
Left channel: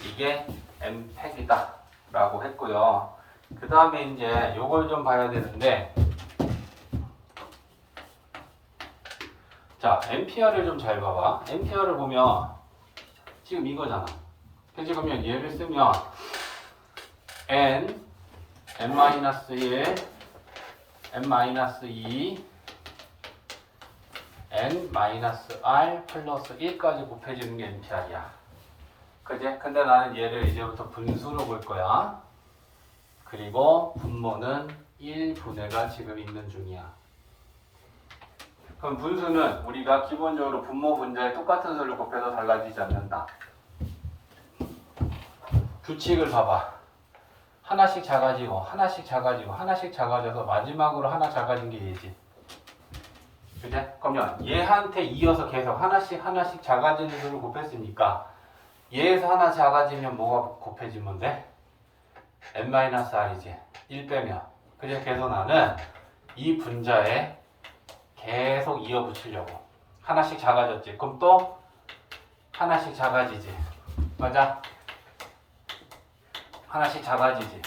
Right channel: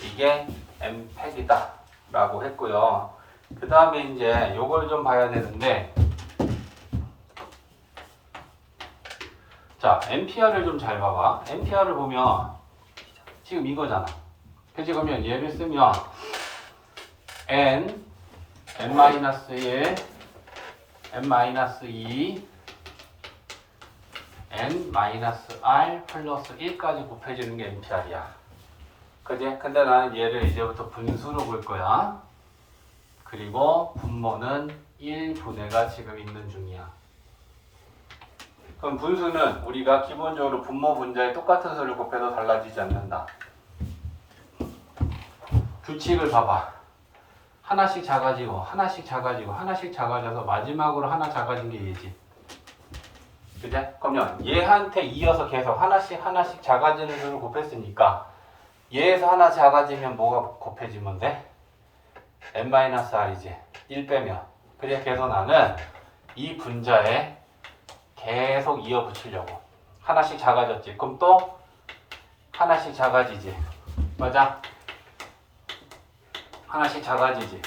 이게 N팩이다 라고 했고요. 그 다음에 이제 요걸 좀 봐야 되는데, 자, NPR을 좀 잘 봐봐. NPR을 보면 지금 이거잖아. 그치? 그러면 얘를 쓰면 N, N-1, N-2, N-R 플러스 1까지 곱해지는 게 NPR이야. 그지? 근데 나는 얘를 이제부터 분수로 볼 거야. 그리고 분모는 1분의가 지금 있는 중이야. 그럼 분수는 우리가 기본적으로 분모 분자에 똑같은 수를 곱해도 달라지지 않는다. 규칙을 봐봐. 하나씩 작아지고 하나씩 작아지고 하나씩 작아져서 마지막으로 하나 작아진 게 얘지. 그래? 그러면 얘한테 이어서 계속 하나씩 작아지는 수를 곱했으니까 얘에서 하나 작아지면 뭐가 곱해지면 돼? n-r이지. 1 빼면. 그래, 그래서 나는 이 분자에 계속 이어 붙이려고. 하나씩 작아졌지. 그럼 또 하나씩 작아지지. 맞아? 하나씩 작아지지.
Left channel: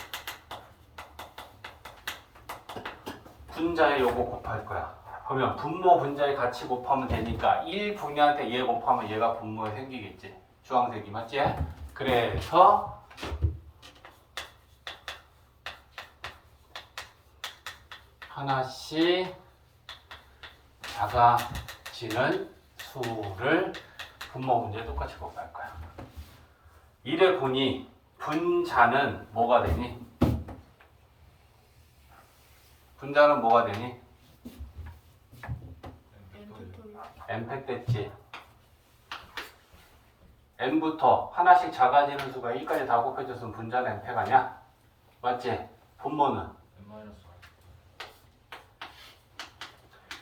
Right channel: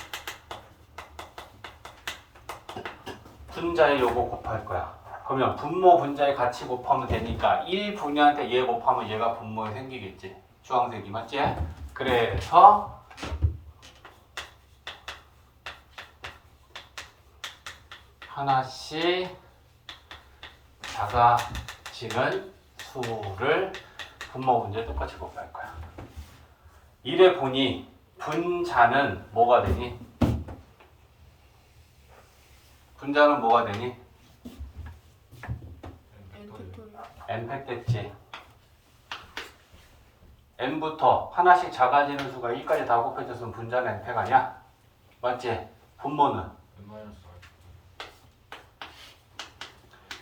분자에 요거 곱할 거야. 그러면 분모 분자에 같이 곱하면 되니까 1분위한테 얘 곱하면 얘가 분모에 생기겠지. 주황색이 맞지? 그래서 하나씩 작아지는 수를 분모 분자에 똑같이 곱할 거야. 이래 보니 분자는 뭐가 되니? 분자는 뭐가 되니? n팩 됐지. n부터 하나씩 작아지는 수가 1까지 다 곱해졌으면 분자는 n팩 아니야? 맞지? 분모는?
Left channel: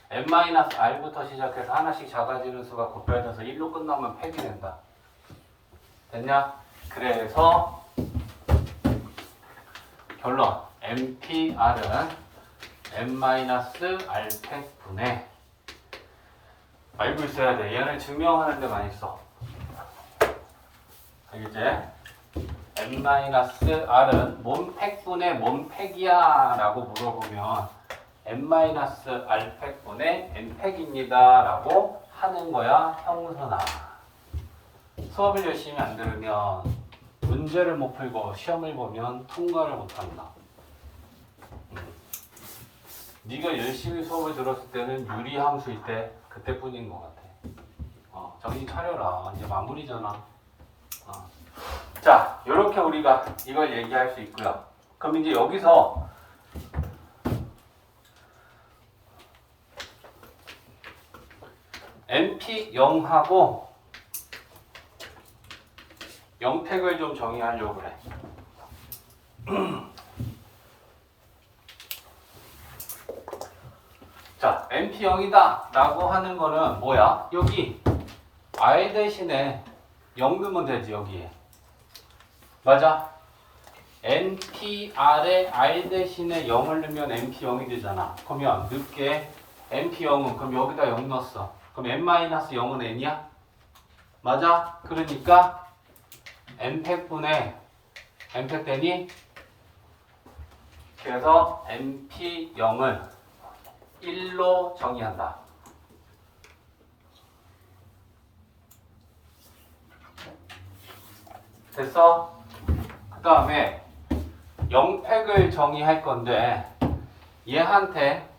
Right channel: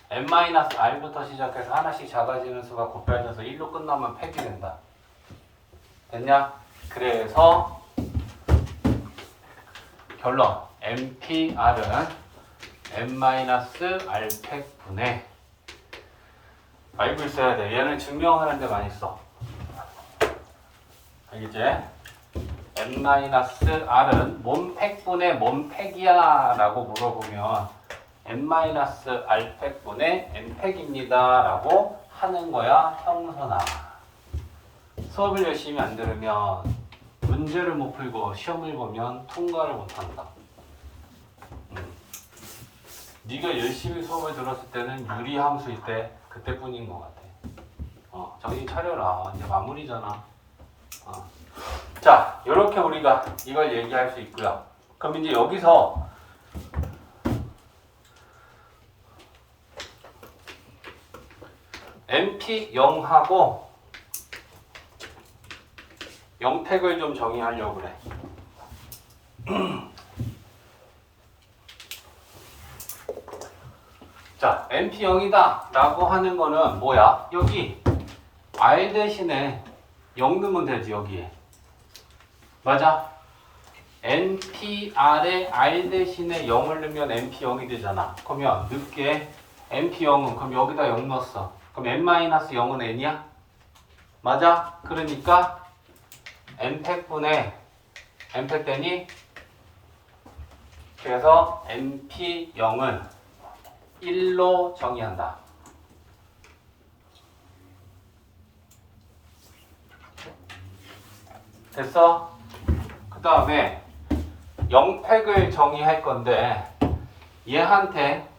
n-r부터 시작해서 하나씩 작아지는 수가 곱해져서 1로 끝나면 팩이 된다. 됐냐? 그래서 결론 NPR은 n-r팩분의 알고 있어야 돼. 얘는 증명하는 데 많이 써. 알겠지? n-r은 뭔 팩분의 뭔 팩이야 라고 물어보면 n-r팩분의 n팩입니다 라고 하는 거야. 형선아. 수업을 열심히 안 들으면 문제를 못 풀고 시험을 보면 통과를 못 한다. 네가 열심히 수업을 들었을 때는 유리함수일 때 그때뿐인 것 같아. 정신 차려라. 이제 마무리잖아. 자, 이렇게 우리가 이걸 얘기할 수 있고요. 그럼 이제 여기서 NP0하고 0팩을 좀 정의하려고 그래. 자, NP 0이다 라고 하는 거는 뭐야? 여기 R 대신에 0 넣으면 되지, 여기에. 맞아? NPR에 R 대신에 0을 넣으면 NP 0이 되잖아. 그러면 늦게 NP 0은 그럼 여기다 0 넣었어. 그럼 N-0은 N이야? 맞아? 그러니까 N팩분의 N팩 되니? 그래서 NP 0은 1로 정의한다. 됐어? 그 다음에 0팩을 정의할 건데 얘한테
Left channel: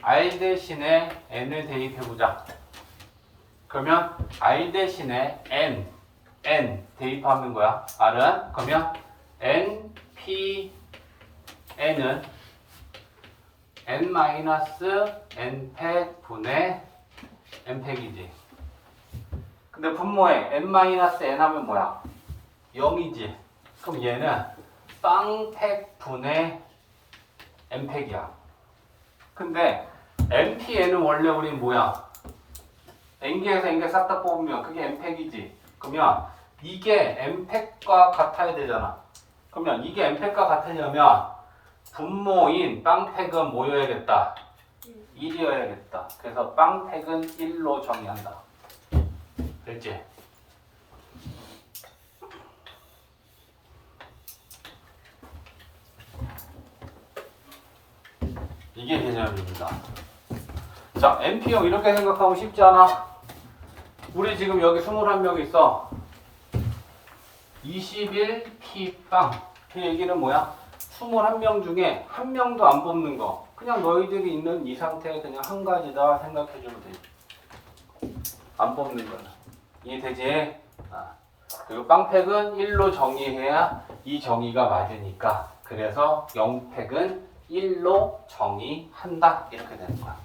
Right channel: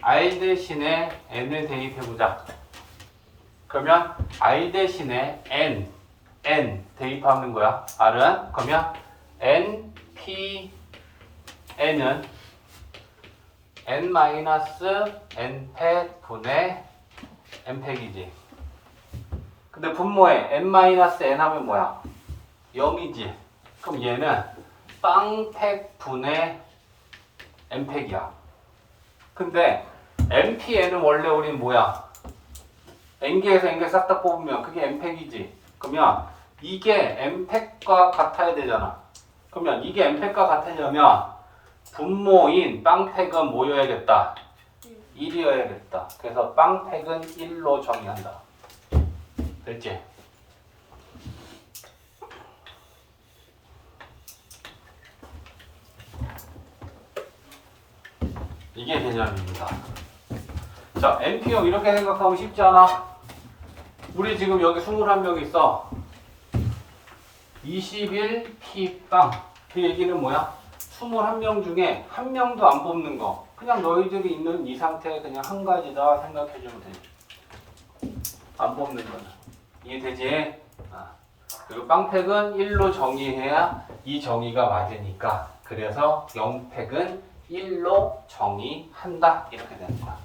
R 대신에 N을 대입해보자. 그러면 R 대신에 N 대입하는 거야. R은 그러면 NP N은 N-N팩 분의 N팩이지. 근데 분모에 N-N 하면 뭐야? 0이지. 그럼 얘는 빵팩 분의 N팩이야. 근데 NPN은 원래 우린 뭐야? N개에서 N개 싹 다 뽑으면 그게 N팩이지. 그러면 이게 N팩과 같아야 되잖아. 그러면 이게 N팩과 같으려면 분모인 빵팩은 뭐여야겠다? 1이어야겠다. 그래서 빵팩은 1로 정의한다. 됐지? 이게 개념입니다. 자, NPO 이렇게 생각하면 쉽지 않아? 우리 지금 여기 21명 있어. 21P빵. 그 얘기는 뭐야? 21명 중에 한 명도 안 뽑는 거. 그냥 너희들이 있는 이 상태에 그냥 한 가지다 생각해주면 돼. 안 뽑는 거는. 이해되지? 그리고 빵팩은 1로 정의해야 이 정의가 맞으니까. 그래서 0팩은 1로 정의한다. 이렇게 되는 거야.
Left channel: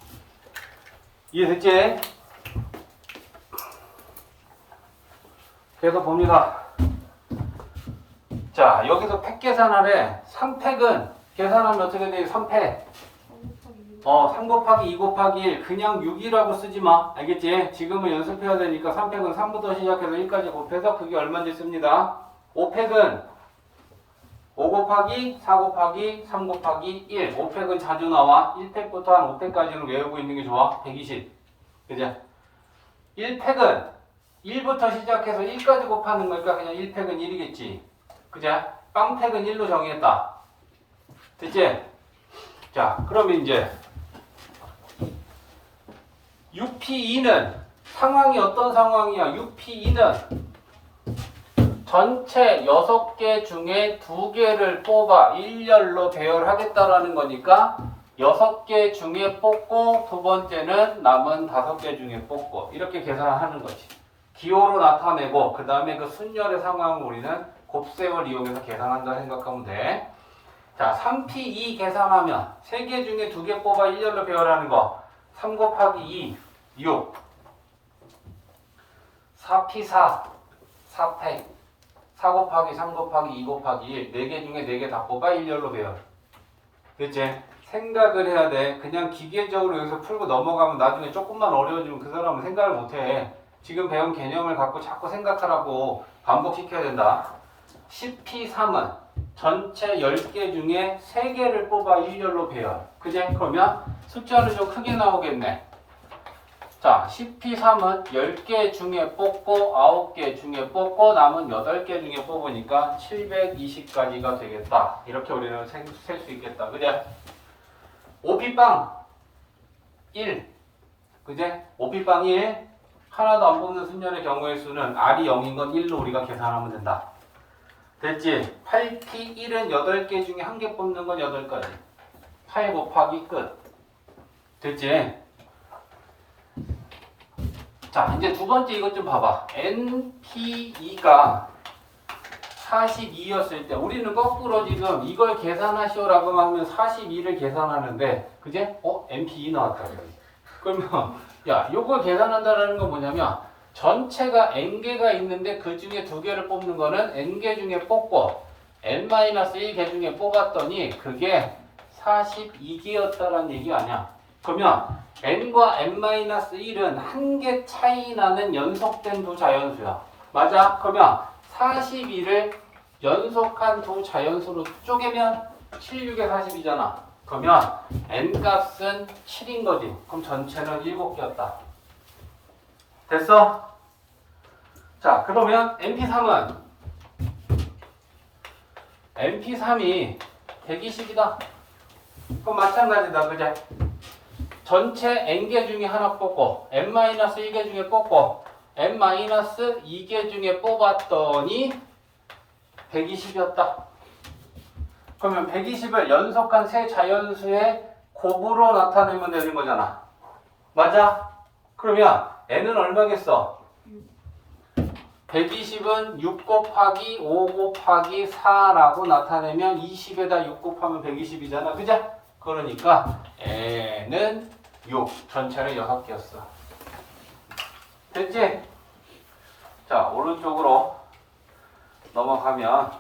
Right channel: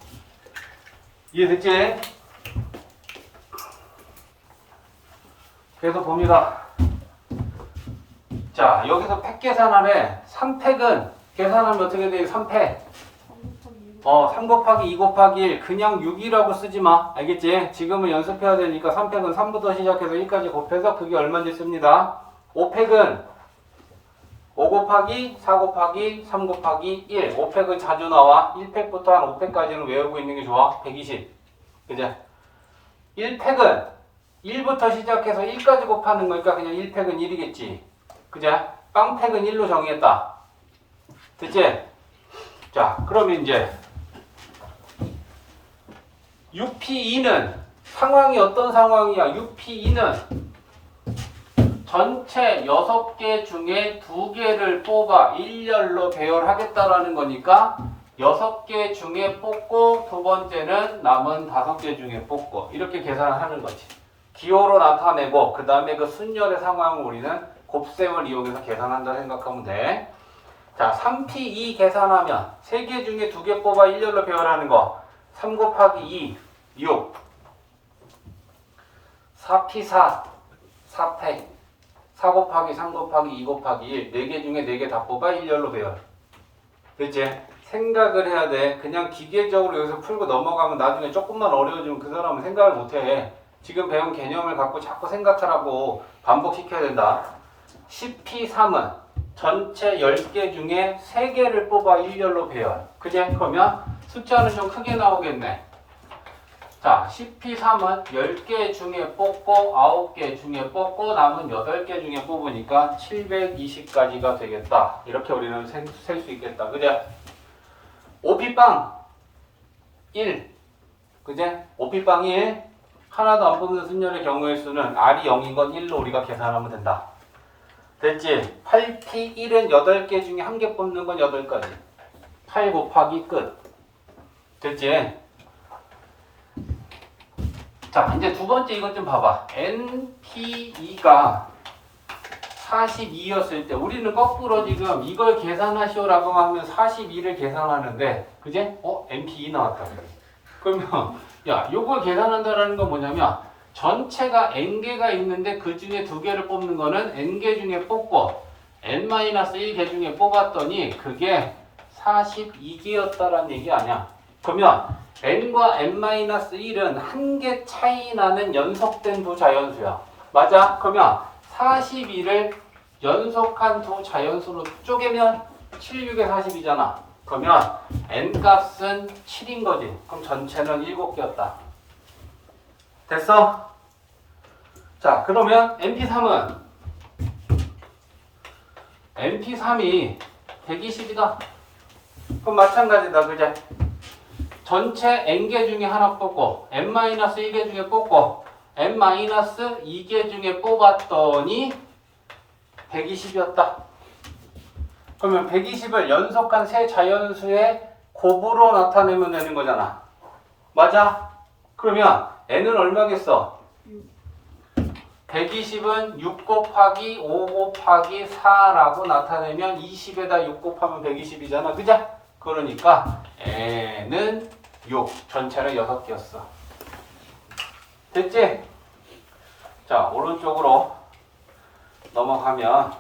이해됐지? 그래서 봅니다. 자, 여기서 팩 계산하래. 3팩은 계산하면 어떻게 돼? 3팩. 3 곱하기 2 곱하기 1. 그냥 6이라고 쓰지 마. 알겠지? 지금은 연습해야 되니까 3팩은 3부터 시작해서 1까지 곱해서 그게 얼마인지 씁니다. 5팩은 5 곱하기 4 곱하기 3 곱하기 1. 5팩은 자주 나와. 1팩부터 한 5팩까지는 외우고 있는 게 좋아. 120. 그죠? 1팩은 1부터 시작해서 1까지 곱하는 거니까 그냥 1팩은 1이겠지. 그죠? 빵팩은 1로 정의했다. 됐지? 자, 그러면 이제 6P2는 상황이 어떤 상황이야? 6P2는 전체 6개 중에 2개를 뽑아 일렬로 배열하겠다라는 거니까 6개 중에 뽑고 두 번째는 남은 5개 중에 뽑고 이렇게 계산을 하는 거지. 기호로 나타내고 그 다음에 그 순열의 상황을 우리는 곱셈을 이용해서 계산한다 생각하면 돼. 자, 3P2 계산하면 3개 중에 2개 뽑아 일렬로 배열하는 거 3 곱하기 2, 6 4P4, 4팩 4 곱하기 3 곱하기 2 곱하기 1 4개 중에 4개 다 뽑아 일렬로 배열. 됐지? 생각을 해야 돼. 그냥 기계적으로 여기서 풀고 넘어가면 나중에 조금만 어려워지면 그 사람은 생각을 못해. 지금 배운 개념을 갖고 자꾸 생각하라고 반복시켜야 된다. 10P3은 전체 10개 중에 3개를 뽑아 일렬로 배열. 그제? 그러면 숫자는 좀 크게 나오겠네. 자, 10P3은 10개 중에 뽑고 9개 중에 뽑고 남은 8개 중에 뽑으니까 720까지가 되겠다. 이렇게 우리는 셀 수 있겠다. 그래? 5P빵 1. 그제? 5P빵 1. 하나도 안 뽑는 순열의 경우의 수는 R이 0인 건 1로 우리가 계산하면 된다. 됐지? 8P1은 8개 중에 1개 뽑는 건 8가지. 8 곱하기 끝. 됐지? 자, 이제 두 번째 이것 좀 봐봐. NP2가 42였을 때 우리는 거꾸로 지금 이걸 계산하시오라고 하면 42를 계산하는데 그제? NP2 나왔다. 그러면 야, 요걸 계산한다는 건 뭐냐면 전체가 n개가 있는데 그 중에 2개를 뽑는 거는 n개 중에 뽑고 n-1개 중에 뽑았더니 그게 42개였다라는 얘기 아니야. 그러면 n과 n-1은 한 개 차이 나는 연속된 두 자연수야. 맞아? 그러면 42를 연속한 두 자연수로 쪼개면 7, 6에 40이잖아. 그러면 n값은 7인 거지. 그럼 전체는 7개였다. 됐어? 자, 그러면 np3은 np3이 120이다. 그럼 마찬가지다. 그제? 전체 n개 중에 하나 뽑고 n-1개 중에 뽑고 n-2개 중에 뽑았더니 120이었다. 그러면 120을 연속한 세 자연수의 곱으로 나타내면 되는 거잖아. 맞아? 그러면 n은 얼마겠어? 120은 6 곱하기 5 곱하기 4라고 나타내면 20에다 6 곱하면 120이잖아. 그죠? 그러니까 n은 6, 전체를 6개였어. 됐지? 자, 오른쪽으로 넘어가면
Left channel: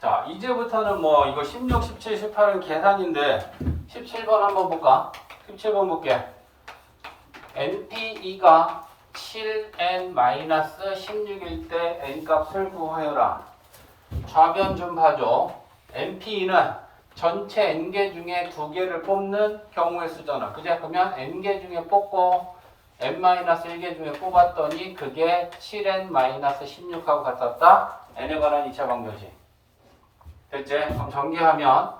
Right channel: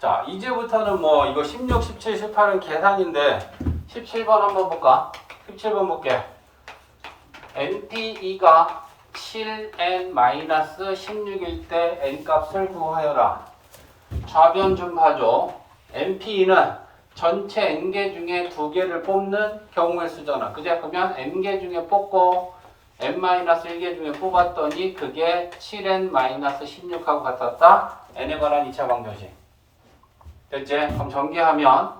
자, 이제부터는 뭐 이거 16, 17, 18은 계산인데 17번 한번 볼까? 17번 볼게. NP2가 7n-16일 때 n값을 구하여라. 좌변 좀 봐줘. NP2는 전체 n개 중에 2개를 뽑는 경우의 수잖아. 그제? 그러면 n개 중에 뽑고 n-1개 중에 뽑았더니 그게 7n-16하고 같았다. n에 관한 2차 방정식. 됐지? 그럼 전개하면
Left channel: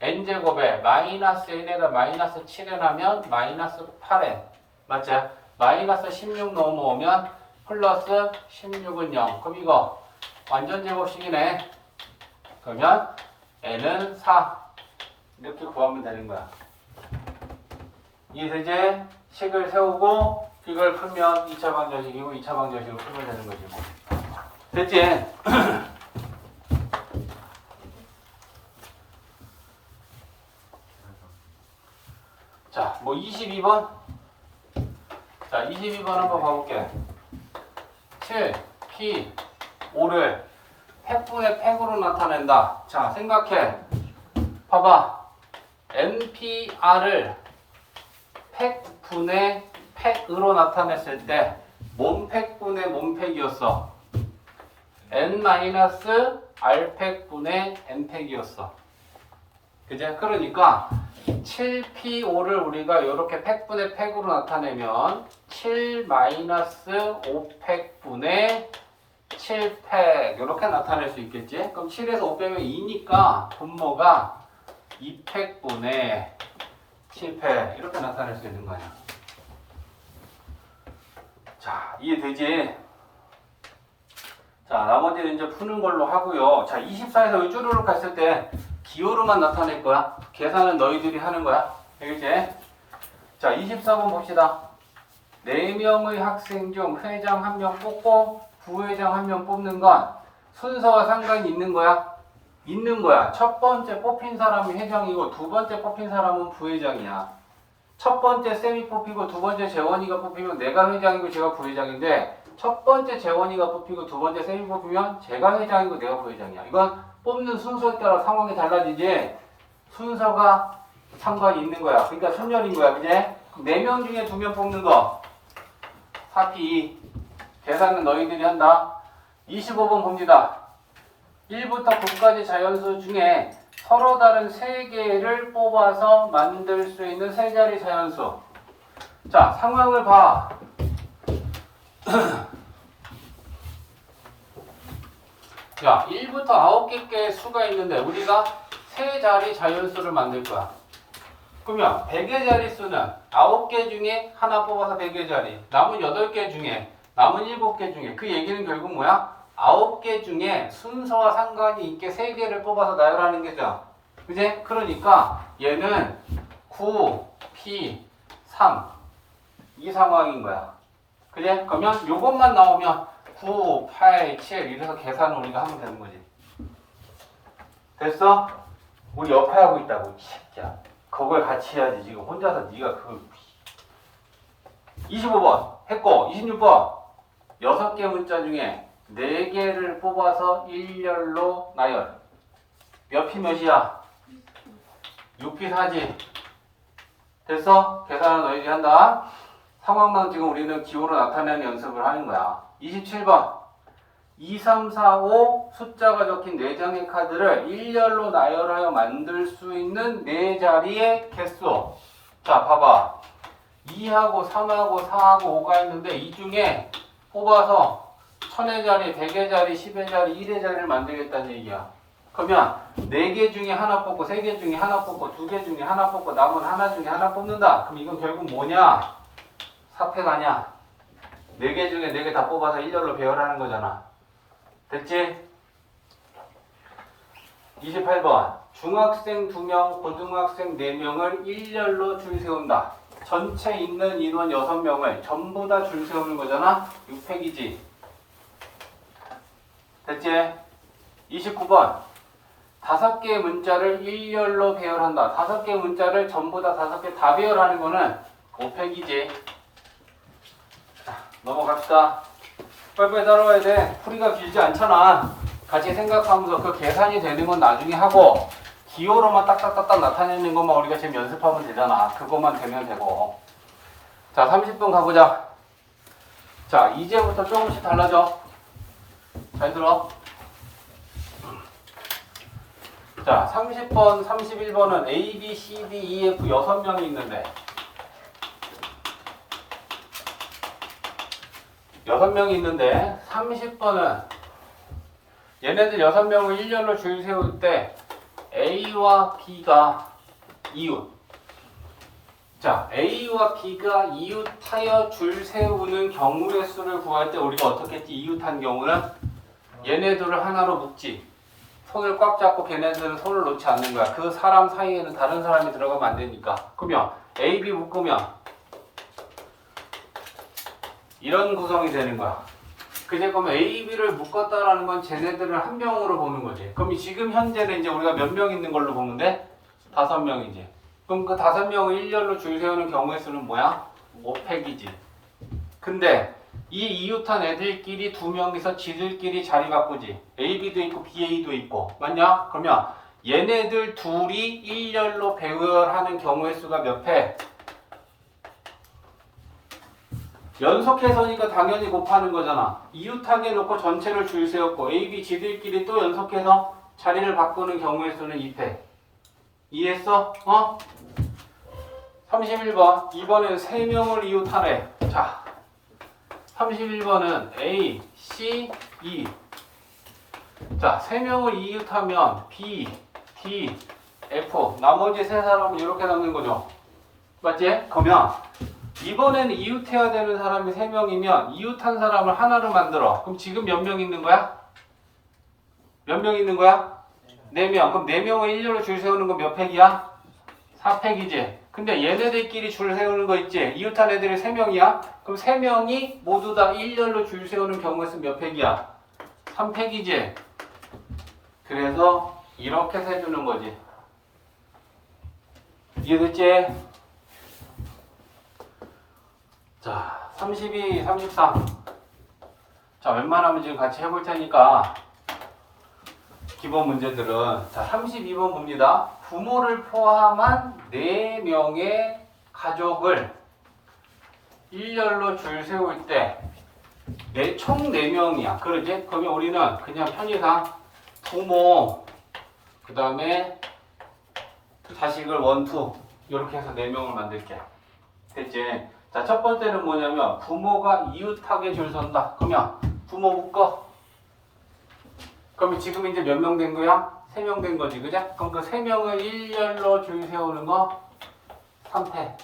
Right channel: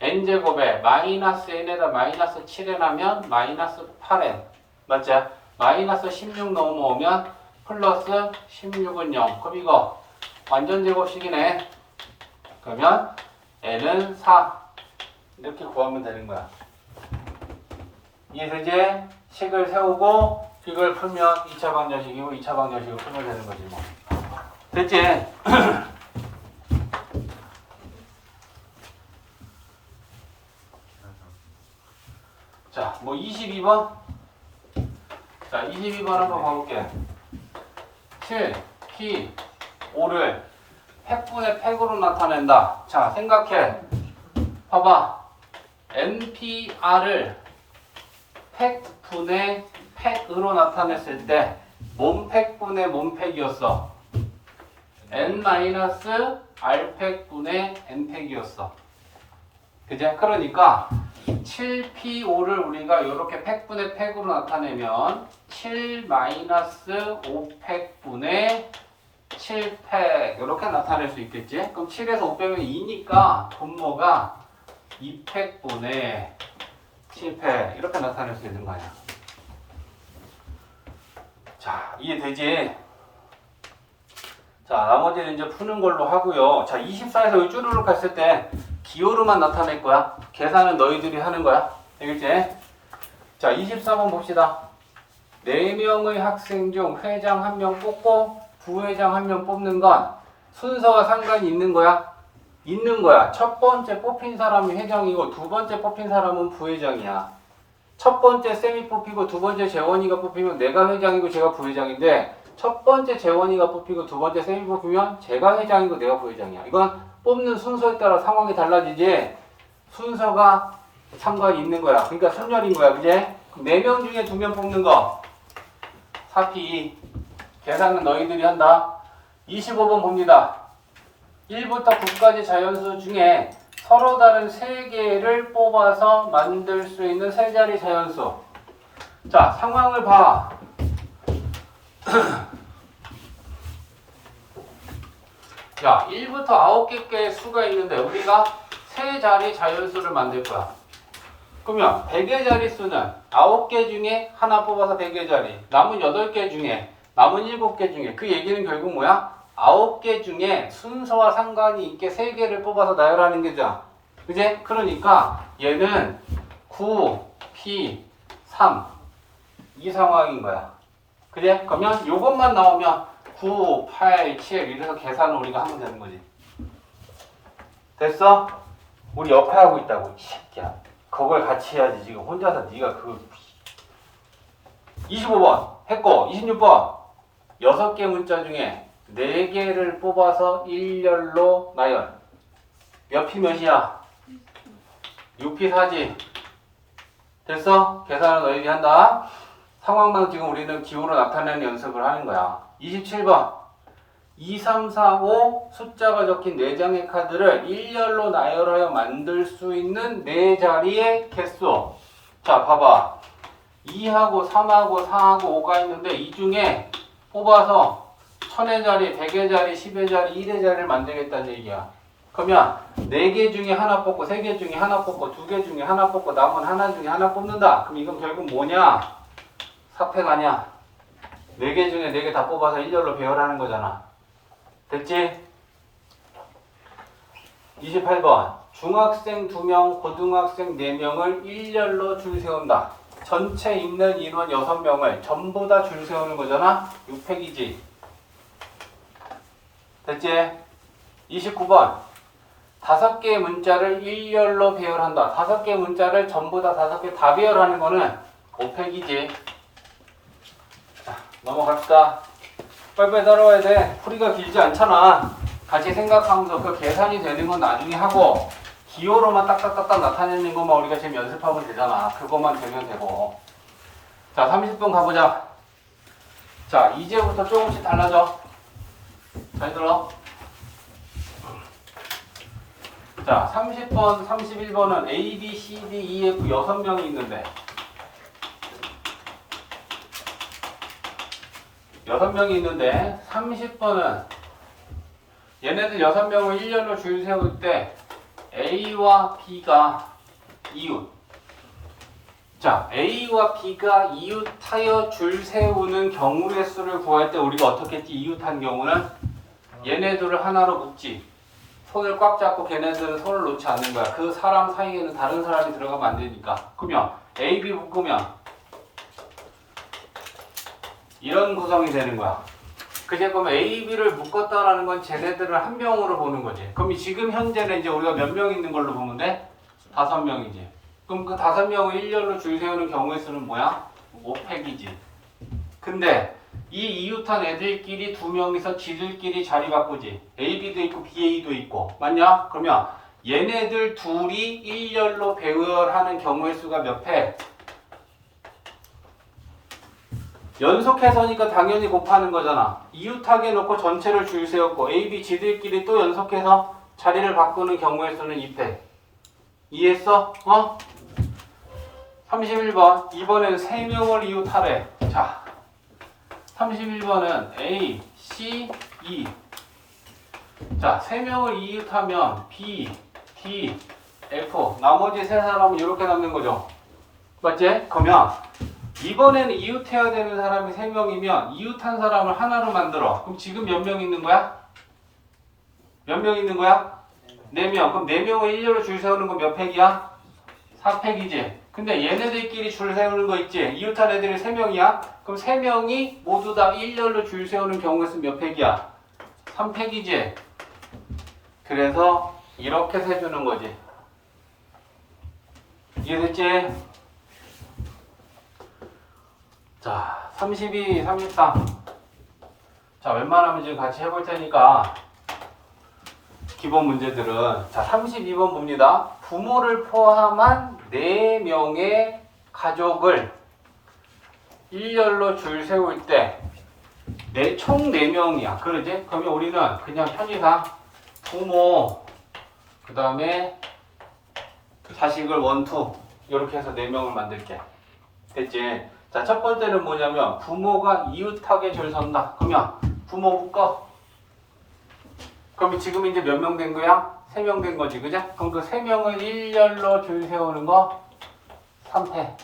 n제곱에 마이너스 n에다 마이너스 7n 하면 마이너스 8n. 맞지? 마이너스 16 넘어오면 플러스 16은 0. 그럼 이거 완전 제곱식이네. 그러면 n은 4. 이렇게 구하면 되는 거야. 이해되지? 식을 세우고 이걸 풀면 2차 방정식이고 2차 방정식을 풀면 되는 거지 뭐. 됐지? 자, 뭐 22번? 자, 22번 한번 봐볼게. 7, P, 5를 팩분의 팩으로 나타낸다. 자, 생각해. 봐봐. NPR을 팩분의 팩으로 나타냈을 때 몸팩분의 몸팩이었어. N-R팩분의 N팩이었어. 그제? 그러니까 7P5를 우리가 이렇게 팩분의 팩으로 나타내면 7-5팩분의 7팩 이렇게 나타낼 수 있겠지? 그럼 7에서 5 빼면 2니까 분모가 2팩분의 7팩 이렇게 나타낼 수 있는 거 아니야. 자, 이해되지? 자, 나머지는 이제 푸는 걸로 하고요. 자, 24에서 이 쭈루룩 했을 때 기호로만 나타낼 거야. 계산은 너희들이 하는 거야. 알겠지? 자, 24번 봅시다. 4명의 학생 중 회장 1명 뽑고 부회장 1명 뽑는 건 순서와 상관이 있는 거야? 있는 거야. 첫 번째 뽑힌 사람이 회장이고 두 번째 뽑힌 사람은 부회장이야. 첫 번째 쌤이 뽑히고 두 번째 재원이가 뽑히면 내가 회장이고 제가 부회장인데 첫 번째 재원이가 뽑히고 두 번째 쌤이 뽑히면 제가 회장이고 내가 부회장이야. 이건 뽑는 순서에 따라 상황이 달라지지 순서가 상관이 있는 거야. 그러니까 순열인 거야. 그제? 4명 중에 2명 뽑는 거 4P2 계산은 너희들이 한다. 25번 봅니다. 1부터 9까지 자연수 중에 서로 다른 3개를 뽑아서 만들 수 있는 세 자리 자연수. 자, 상황을 봐. 야, 1부터 9개의 수가 있는데 우리가 세 자리 자연수를 만들 거야. 그러면 100의 자릿수는 9개 중에 하나 뽑아서 100의 자리. 남은 8개 중에, 남은 7개 중에. 그 얘기는 결국 뭐야? 9개 중에 순서와 상관이 있게 3개를 뽑아서 나열하는 게죠. 그지? 그러니까 얘는 9, P, 3 이 상황인 거야. 그지? 그러면 요것만 나오면 9, 8, 7 이래서 계산을 우리가 하면 되는 거지. 됐어? 우리 옆에 하고 있다고 이 새끼야. 그걸 같이 해야지. 지금 혼자서 네가 그거 25번 했고 26번 6개 문자 중에 4개를 뽑아서 일렬로 나열. 옆이 몇이야? 6P 4지. 됐어? 계산을 너희들이 한다. 상황만 지금 우리는 기호로 나타내는 연습을 하는 거야. 27번. 2, 3, 4, 5 숫자가 적힌 4장의 카드를 일렬로 나열하여 만들 수 있는 4자리의 개수. 자, 봐봐. 2하고 3하고 4하고 5가 있는데 이 중에 뽑아서 1000의 자리, 100의 자리, 10의 자리, 1의 자리를 만들겠다는 얘기야. 그러면 4개 중에 하나 뽑고 3개 중에 하나 뽑고 2개 중에 하나 뽑고 남은 하나 중에 하나 뽑는다. 그럼 이건 결국 뭐냐? 사패가 아니야. 4개 중에 4개 다 뽑아서 일렬로 배열하는 거잖아. 됐지? 28번. 중학생 2명, 고등학생 4명을 일렬로 줄 세운다. 전체 있는 인원 6명을 전부 다 줄 세우는 거잖아? 6팩이지. 됐지? 29번. 5개의 문자를 일렬로 배열한다. 5개의 문자를 전부 다 5개 다 배열하는 거는 5팩이지. 자, 넘어갑시다. 빨리빨리 따라와야 돼. 풀이가 길지 않잖아. 같이 생각하면서 그 계산이 되는 건 나중에 하고 기호로만 딱딱딱딱 나타내는 것만 우리가 지금 연습하면 되잖아. 그것만 되면 되고. 자, 30번 가보자. 자, 이제부터 조금씩 달라져. 잘 들어. 자, 30번, 31번은 A, B, C, D, E, F 6명이 있는데 6명이 있는데 30번은 얘네들 6명을 일렬로 줄 세울 때 A와 B가 이웃. 자, A와 B가 이웃하여 줄 세우는 경우의 수를 구할 때 우리가 어떻게 했지? 이웃한 경우는 얘네들을 하나로 묶지. 손을 꽉 잡고 걔네들은 손을 놓지 않는 거야. 그 사람 사이에는 다른 사람이 들어가면 안 되니까. 그러면 A, B 묶으면 이런 구성이 되는 거야. 그제 그러면 A, B를 묶었다라는 건 쟤네들을 한 명으로 보는 거지. 그럼 지금 현재는 이제 우리가 몇 명 있는 걸로 보면 돼? 5명이지. 그럼 그 5명을 일렬로 줄 세우는 경우의 수는 뭐야? 5팩이지. 근데 이 이웃한 애들끼리 2명이서 지들끼리 자리 바꾸지. A, B도 있고 B, A도 있고. 맞냐? 그러면 얘네들 둘이 일렬로 배열하는 경우의 수가 몇 팩? 연속해서니까 당연히 곱하는 거잖아. 이웃하게 놓고 전체를 줄 세웠고 A, B 지들끼리 또 연속해서 자리를 바꾸는 경우의 수는 2팩. 이해했어? 31번. 이번엔 3명을 이웃하래. 자, 31번은 A, C, E. 자, 3명을 이웃하면 B, D, F. 나머지 3사람은 이렇게 남는 거죠. 맞지? 그러면 이번에는 이웃해야 되는 사람이 3명이면 이웃한 사람을 하나로 만들어. 그럼 지금 몇 명 있는 거야? 몇 명 있는 거야? 4명. 그럼 4명을 일렬로 줄 세우는 건 몇 팩이야? 4팩이지. 근데 얘네들끼리 줄 세우는 거 있지? 이웃한 애들이 3명이야? 그럼 3명이 모두 다 일렬로 줄 세우는 경우의 수는 몇 팩이야? 3팩이지. 그래서 이렇게 세주는 거지. 이해됐지? 자, 32, 33. 자, 웬만하면 지금 같이 해볼 테니까 기본 문제들은. 자, 32번 봅니다. 부모를 포함한 4명의 가족을 일렬로 줄 세울 때 총 4명이야. 그러지? 그러면 우리는 그냥 편의상 부모, 그 다음에 자식을 1, 2 이렇게 해서 4명을 만들게. 됐지? 자, 첫 번째는 뭐냐면 부모가 이웃하게 줄 선다. 그러면 부모 묶어. 그럼 지금 이제 몇 명 된 거야? 3명 된 거지, 그죠? 그럼 그 3명을 일렬로 줄 세우는 거 3패.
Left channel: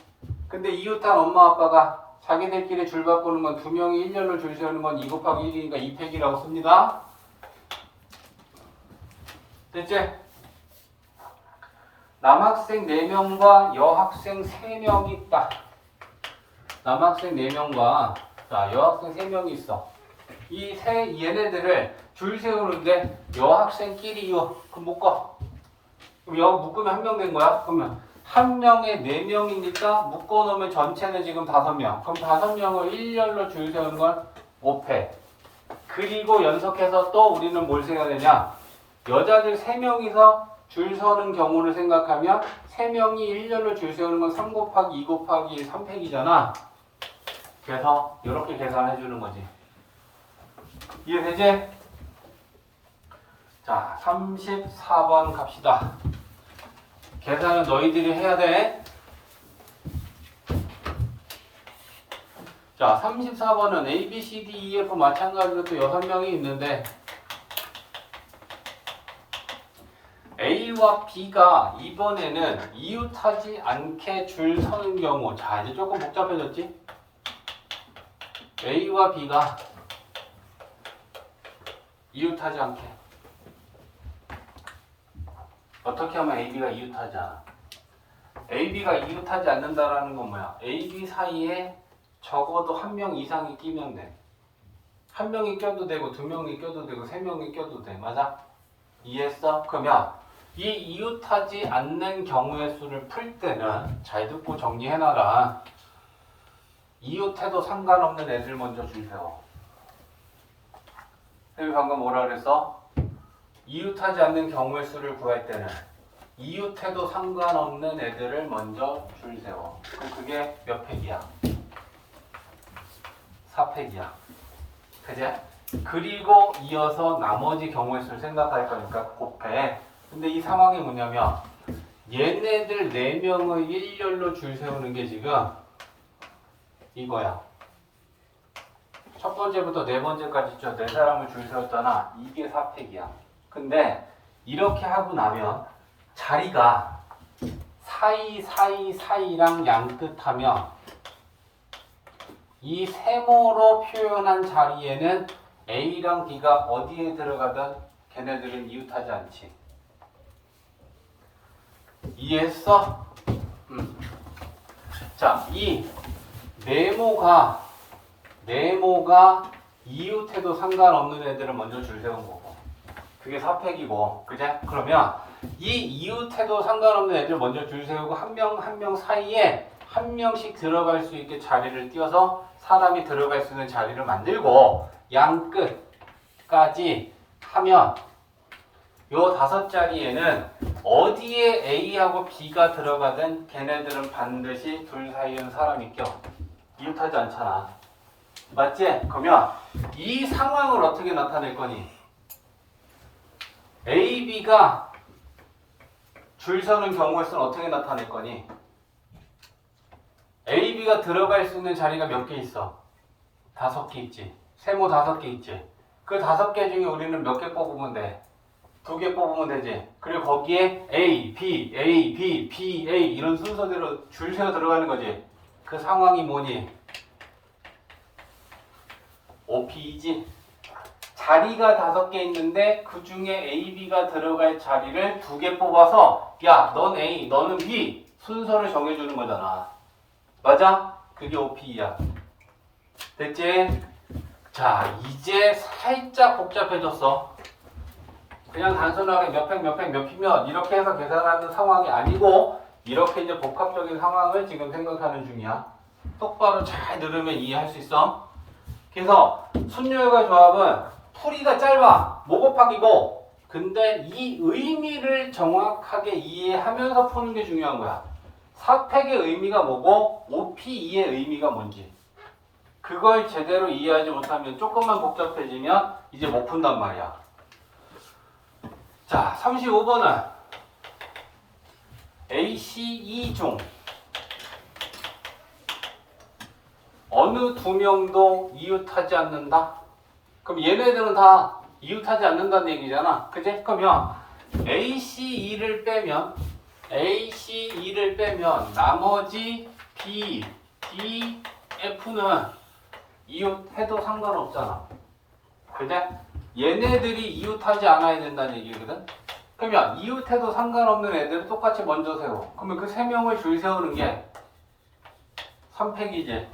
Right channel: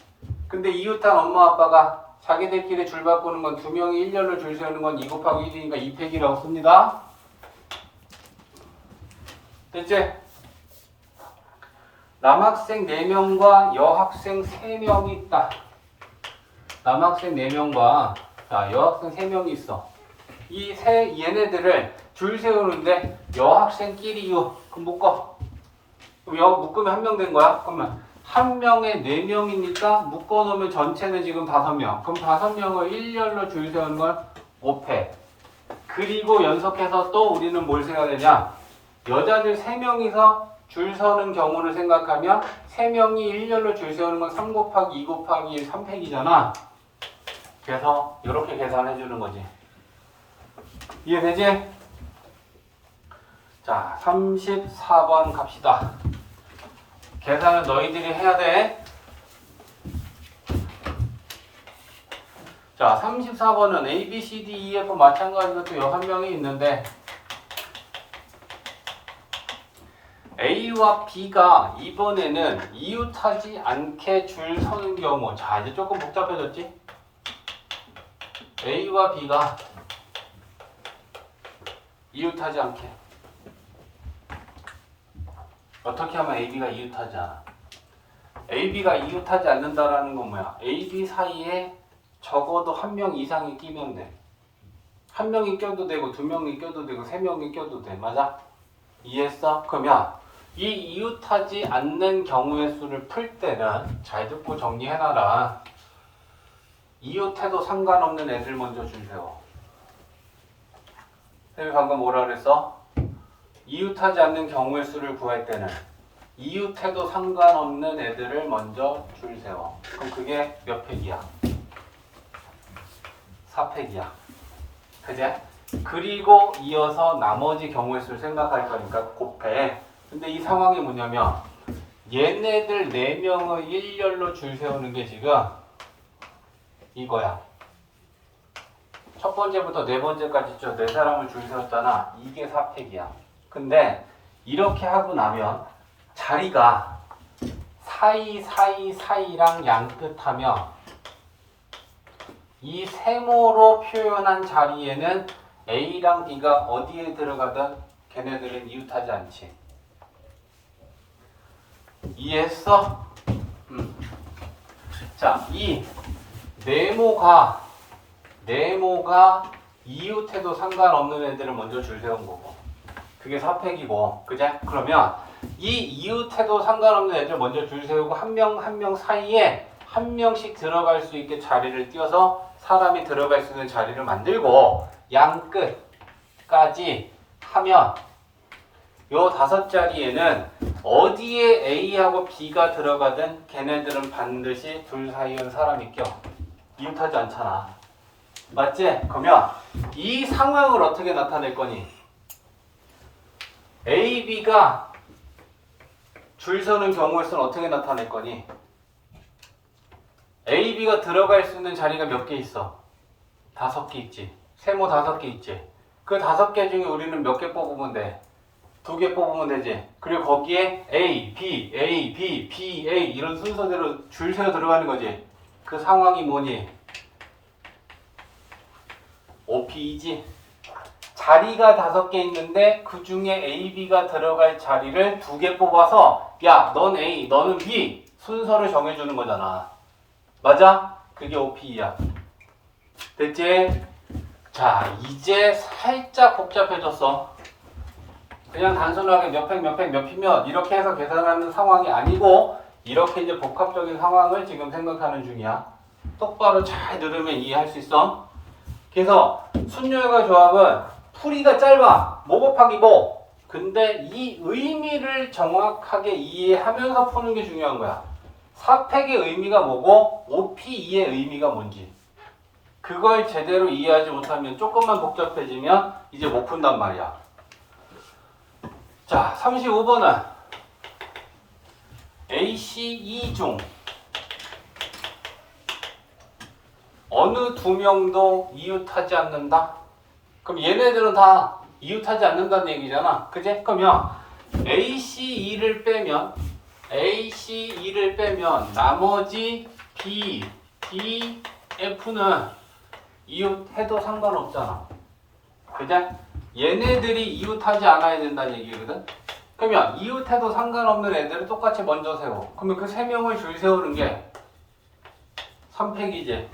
근데 이웃한 엄마 아빠가 자기들끼리 줄 바꾸는 건 2명이 일렬로 줄 세우는 건 2 곱하기 1이니까 2팩이라고 씁니다. 됐지? 남학생 4명과 여학생 3명이 있다. 남학생 4명과 여학생 3명이 있어. 얘네들을 줄 세우는데 여학생끼리요. 그럼 묶어. 그럼 묶으면 1명 된 거야. 그러면 1명에 4명이니까 묶어놓으면 전체는 지금 5명. 그럼 5명을 일렬로 줄 세우는 건 5패. 그리고 연속해서 또 우리는 뭘 세야 되냐? 여자들 3명이서 줄 서는 경우를 생각하면 3명이 일렬로 줄 세우는 건 3 곱하기 2 곱하기 1 3팩이잖아. 그래서 이렇게 계산해 주는 거지. 이해되지? 자, 34번 갑시다. 계산은 너희들이 해야 돼. 자, 34번은 A, B, C, D, E, F 마찬가지로 또 6명이 있는데 A와 B가 이번에는 이웃하지 않게 줄 서는 경우. 자, 이제 조금 복잡해졌지? A와 B가 이웃하지 않게. 어떻게 하면 AB가 이웃하지 않아? AB가 이웃하지 않는다라는 건 뭐야? AB 사이에 적어도 1명 이상이 끼면 돼. 1명이 껴도 되고 2명이 껴도 되고 3명이 껴도 돼. 맞아? 이해했어? 그러면 이 이웃하지 않는 경우의 수를 풀 때는 잘 듣고 정리해놔라. 이웃해도 상관없는 애들 먼저 줄 세워. 선생님이 방금 뭐라 그랬어? 이웃하지 않는 경우의 수를 구할 때는 이웃해도 상관없는 애들을 먼저 줄 세워. 그럼 그게 몇 팩이야? 4팩이야. 그제? 그리고 이어서 나머지 경우의 수를 생각할 거니까 곱해. 근데 이 상황이 뭐냐면 얘네들 4명의 일렬로 줄 세우는 게 지금 이거야. 첫 번째부터 네 번째까지 저 4사람을 줄 세웠잖아. 이게 4팩이야. 근데 이렇게 하고 나면 자리가 사이랑 양끝하면 이 세모로 표현한 자리에는 A랑 B가 어디에 들어가든 걔네들은 이웃하지 않지. 이해했어? 자, 이 네모가 이웃해도 상관없는 애들을 먼저 줄 세운 거고 그게 4팩이고 그제? 그러면 이 이웃해도 상관없는 애들 먼저 줄 세우고 한 명 사이에 한 명씩 들어갈 수 있게 자리를 띄워서 사람이 들어갈 수 있는 자리를 만들고 양 끝까지 하면 요 5자리에는 어디에 A하고 B가 들어가든 걔네들은 반드시 둘 사이에는 사람이 껴. 이웃하지 않잖아. 맞지? 그러면 이 상황을 어떻게 나타낼 거니? A, B가 줄 서는 경우에서는 어떻게 나타낼 거니? A, B가 들어갈 수 있는 자리가 몇 개 있어? 5개 있지. 세모 5개 있지. 그 5개 중에 우리는 몇 개 뽑으면 돼? 2개 뽑으면 되지. 그리고 거기에 A, B, A, B, B, A 이런 순서대로 줄 세워 들어가는 거지. 그 상황이 뭐니? OP이지. 자리가 5개 있는데 그 중에 A, B가 들어갈 자리를 2개 뽑아서 야, 넌 A, 너는 B 순서를 정해주는 거잖아. 맞아? 그게 OP야. 됐지? 자, 이제 살짝 복잡해졌어. 그냥 단순하게 몇 피면 이렇게 해서 계산하는 상황이 아니고 이렇게 이제 복합적인 상황을 지금 생각하는 중이야. 똑바로 잘 들으면 이해할 수 있어. 그래서 순열과 조합은 풀이가 짧아. 뭐 곱하기고. 근데 이 의미를 정확하게 이해하면서 푸는 게 중요한 거야. 4팩의 의미가 뭐고 5P2의 의미가 뭔지. 그걸 제대로 이해하지 못하면 조금만 복잡해지면 이제 못 푼단 말이야. 자, 35번은 A, C, E 중 어느 2명도 이웃하지 않는다? 그럼 얘네들은 다 이웃하지 않는다는 얘기잖아. 그지? 그러면 A, C, E를 빼면 나머지 B, D, F는 이웃해도 상관없잖아. 그지? 얘네들이 이웃하지 않아야 된다는 얘기거든. 그러면 이웃해도 상관없는 애들을 똑같이 먼저 세워. 그러면 그 3명을 줄 세우는 게 3팩이지.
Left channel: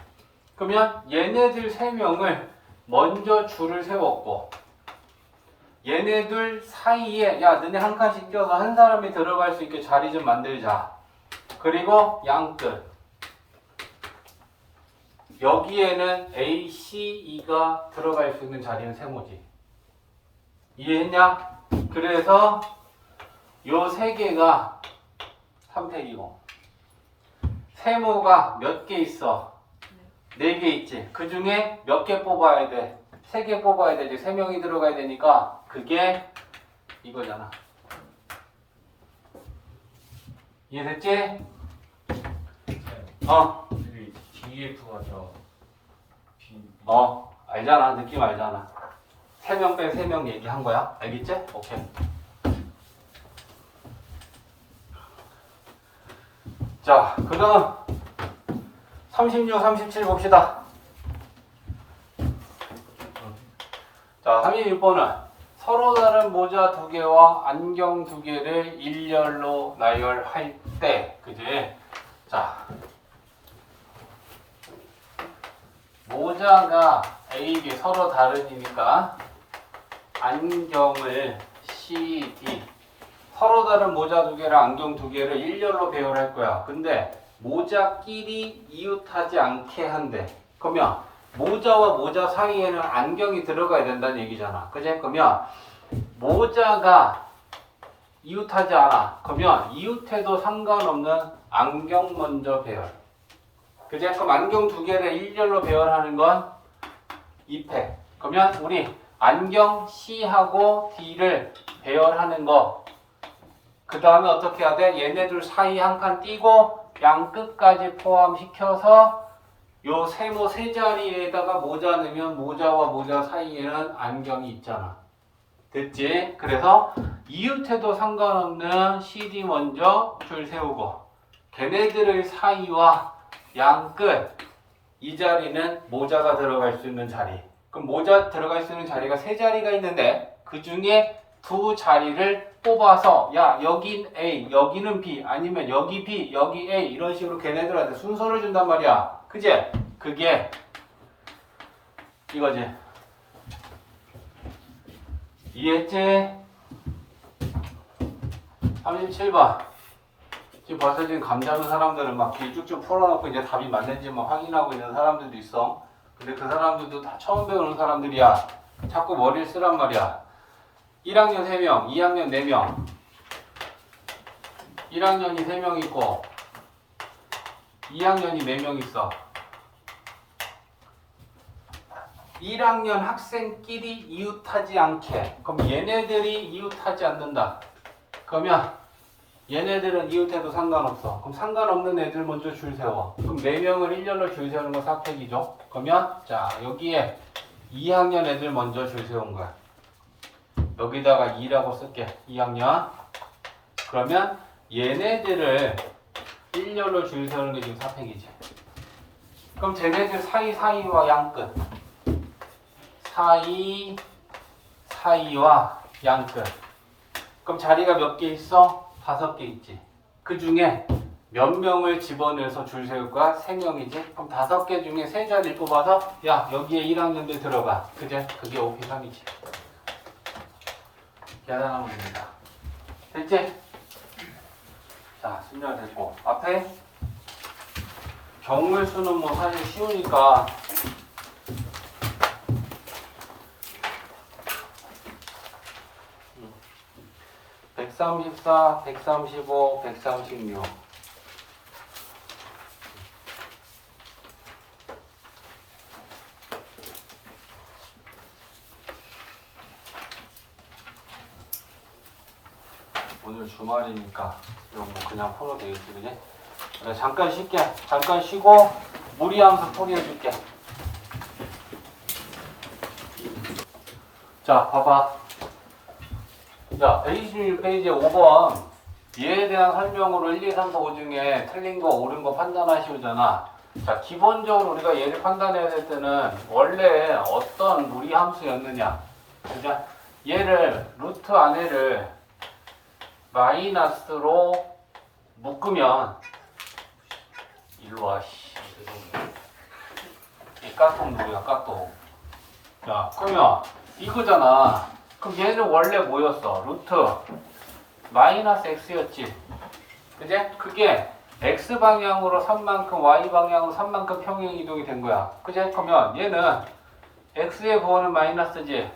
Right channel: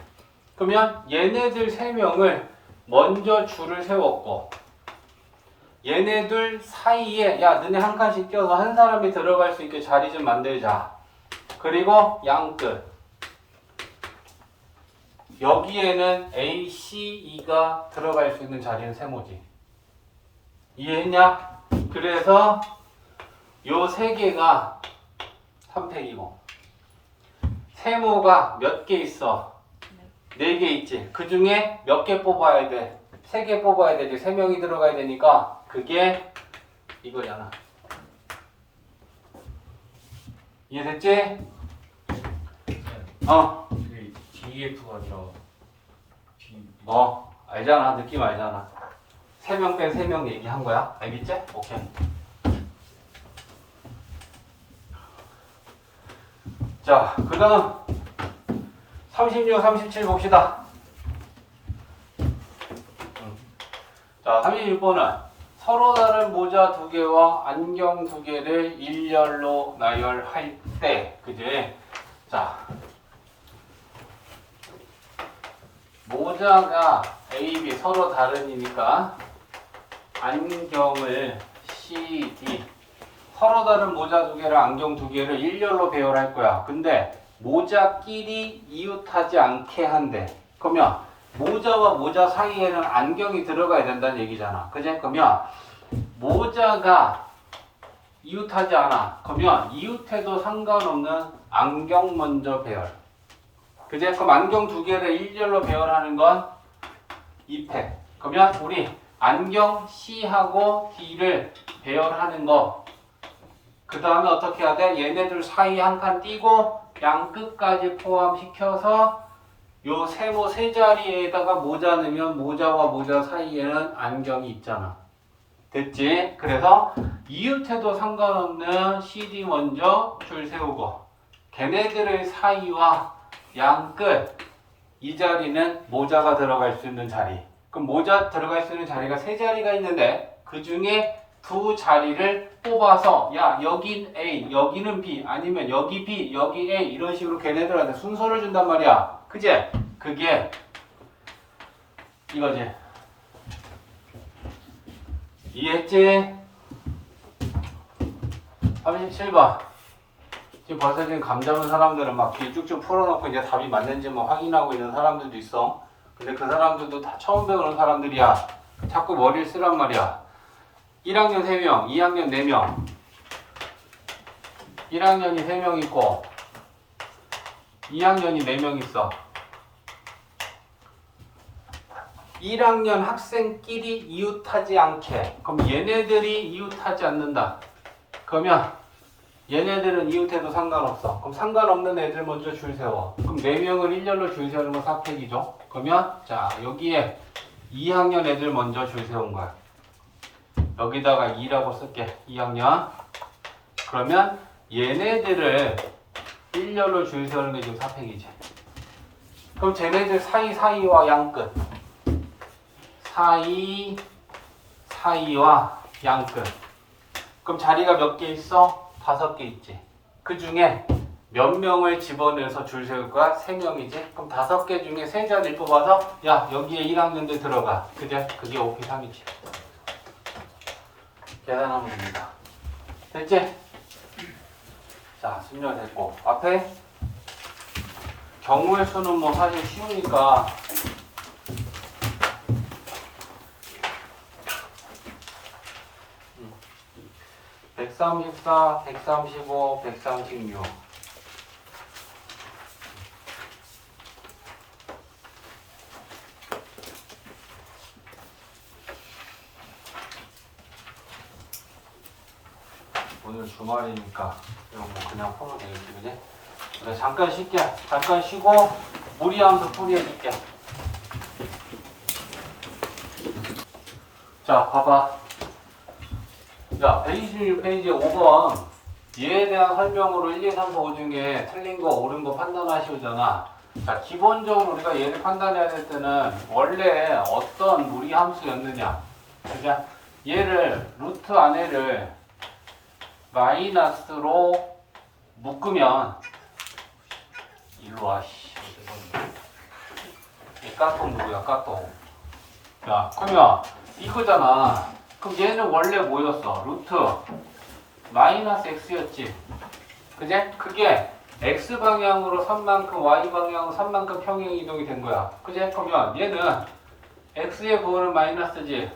그러면 얘네들 3명을 먼저 줄을 세웠고 얘네들 사이에 야, 너네 한 칸씩 껴서 한 사람이 들어갈 수 있게 자리 좀 만들자. 그리고 양끝 여기에는 A, C, E가 들어갈 수 있는 자리는 세모지. 이해했냐? 그래서 요 세 개가 선택이고 세모가 몇 개 있어? 4개 있지. 그 중에 몇 개 뽑아야 돼? 3개 뽑아야 되지. 3명이 들어가야 되니까 그게 이거잖아. 이해됐지? DF가 아니라 알잖아. 느낌 알잖아. 3명 빼 3명 얘기한 거야. 알겠지? 오케이. 자, 그 다음 36, 37 봅시다. 자, 36번은 서로 다른 모자 2개와 안경 2개를 일렬로 나열할 때, 그지? 자, 모자가 A, B 서로 다르니까 안경을 C, D 서로 다른 모자 2개랑 안경 2개를 일렬로 배열할 거야. 근데 모자끼리 이웃하지 않게 한대. 그러면 모자와 모자 사이에는 안경이 들어가야 된다는 얘기잖아. 그제? 그러면 모자가 이웃하지 않아. 그러면 이웃해도 상관없는 안경 먼저 배열. 그제? 그럼 안경 2개를 일렬로 배열하는 건 2팩. 그러면 우리 안경 C하고 D를 배열하는 거. 그 다음에 어떻게 해야 돼? 얘네들 사이 한 칸 띄고 양 끝까지 포함시켜서 요 세모 세 자리에다가 모자 넣으면 모자와 모자 사이에는 안경이 있잖아. 됐지? 그래서 이웃해도 상관없는 CD 먼저 줄 세우고 걔네들의 사이와 양 끝 이 자리는 모자가 들어갈 수 있는 자리. 그럼 모자 들어갈 수 있는 자리가 세 자리가 있는데 그 중에 2 자리를 뽑아서 야 여긴 A, 여기는 B 아니면 여기 B, 여기 A 이런 식으로 걔네들한테 순서를 준단 말이야. 그제? 그게 이거지. 이해했지? 37번. 지금 벌써 지금 감 잡은 사람들은 막 길 쭉쭉 풀어놓고 이제 답이 맞는지 뭐 확인하고 있는 사람들도 있어. 근데 그 사람들도 다 처음 배우는 사람들이야. 자꾸 머리를 쓰란 말이야. 1학년 3명, 2학년 4명. 1학년이 3명 있고 2학년이 4명 있어. 1학년 학생끼리 이웃하지 않게. 그럼 얘네들이 이웃하지 않는다. 그러면 얘네들은 이웃해도 상관없어. 그럼 상관없는 애들 먼저 줄 세워. 그럼 4명을 일렬로 줄 세우는 건 사택이죠. 그러면 자 여기에 2학년 애들 먼저 줄 세운 거야. 여기다가 2라고 쓸게. 2학년. 그러면 얘네들을 일렬로 줄 세우는 게 지금 사택이지. 그럼 쟤네들 사이와 양끝. 사이와 양끝. 그럼 자리가 몇 개 있어? 5개 있지. 그 중에 몇 명을 집어내서 줄 세울 거야? 3명이지. 그럼 5개 중에 3자리 뽑아서 야 여기에 1학년들 들어가. 그제? 그게 5P3이지. 계산하면 됩니다. 됐지? 자 순열됐고 앞에 경우의 수는 뭐 사실 쉬우니까 134, 135, 136. 오늘 주말이니까 이거 뭐 그냥 풀어도 되겠지, 그지? 네, 잠깐 쉴게. 잠깐 쉬고 무리함수 풀이해줄게. 자, 봐봐. 자, A16페이지 5번 얘에 대한 설명으로 1, 2, 3, 4, 5 중에 틀린 거 옳은 거 판단하시오잖아. 자, 기본적으로 우리가 얘를 판단해야 될 때는 원래 어떤 무리 함수였느냐. 그죠? 얘를 루트 안에를 마이너스로 묶으면 일로 와. 이 까똑 누구야? 까똑. 자, 그러면 이거잖아. 그럼 얘는 원래 뭐였어? 루트 마이너스 x였지. 그제? 그게 x 방향으로 3만큼 y 방향으로 3만큼 평행 이동이 된 거야. 그제? 그러면 얘는 x의 부호는 마이너스지,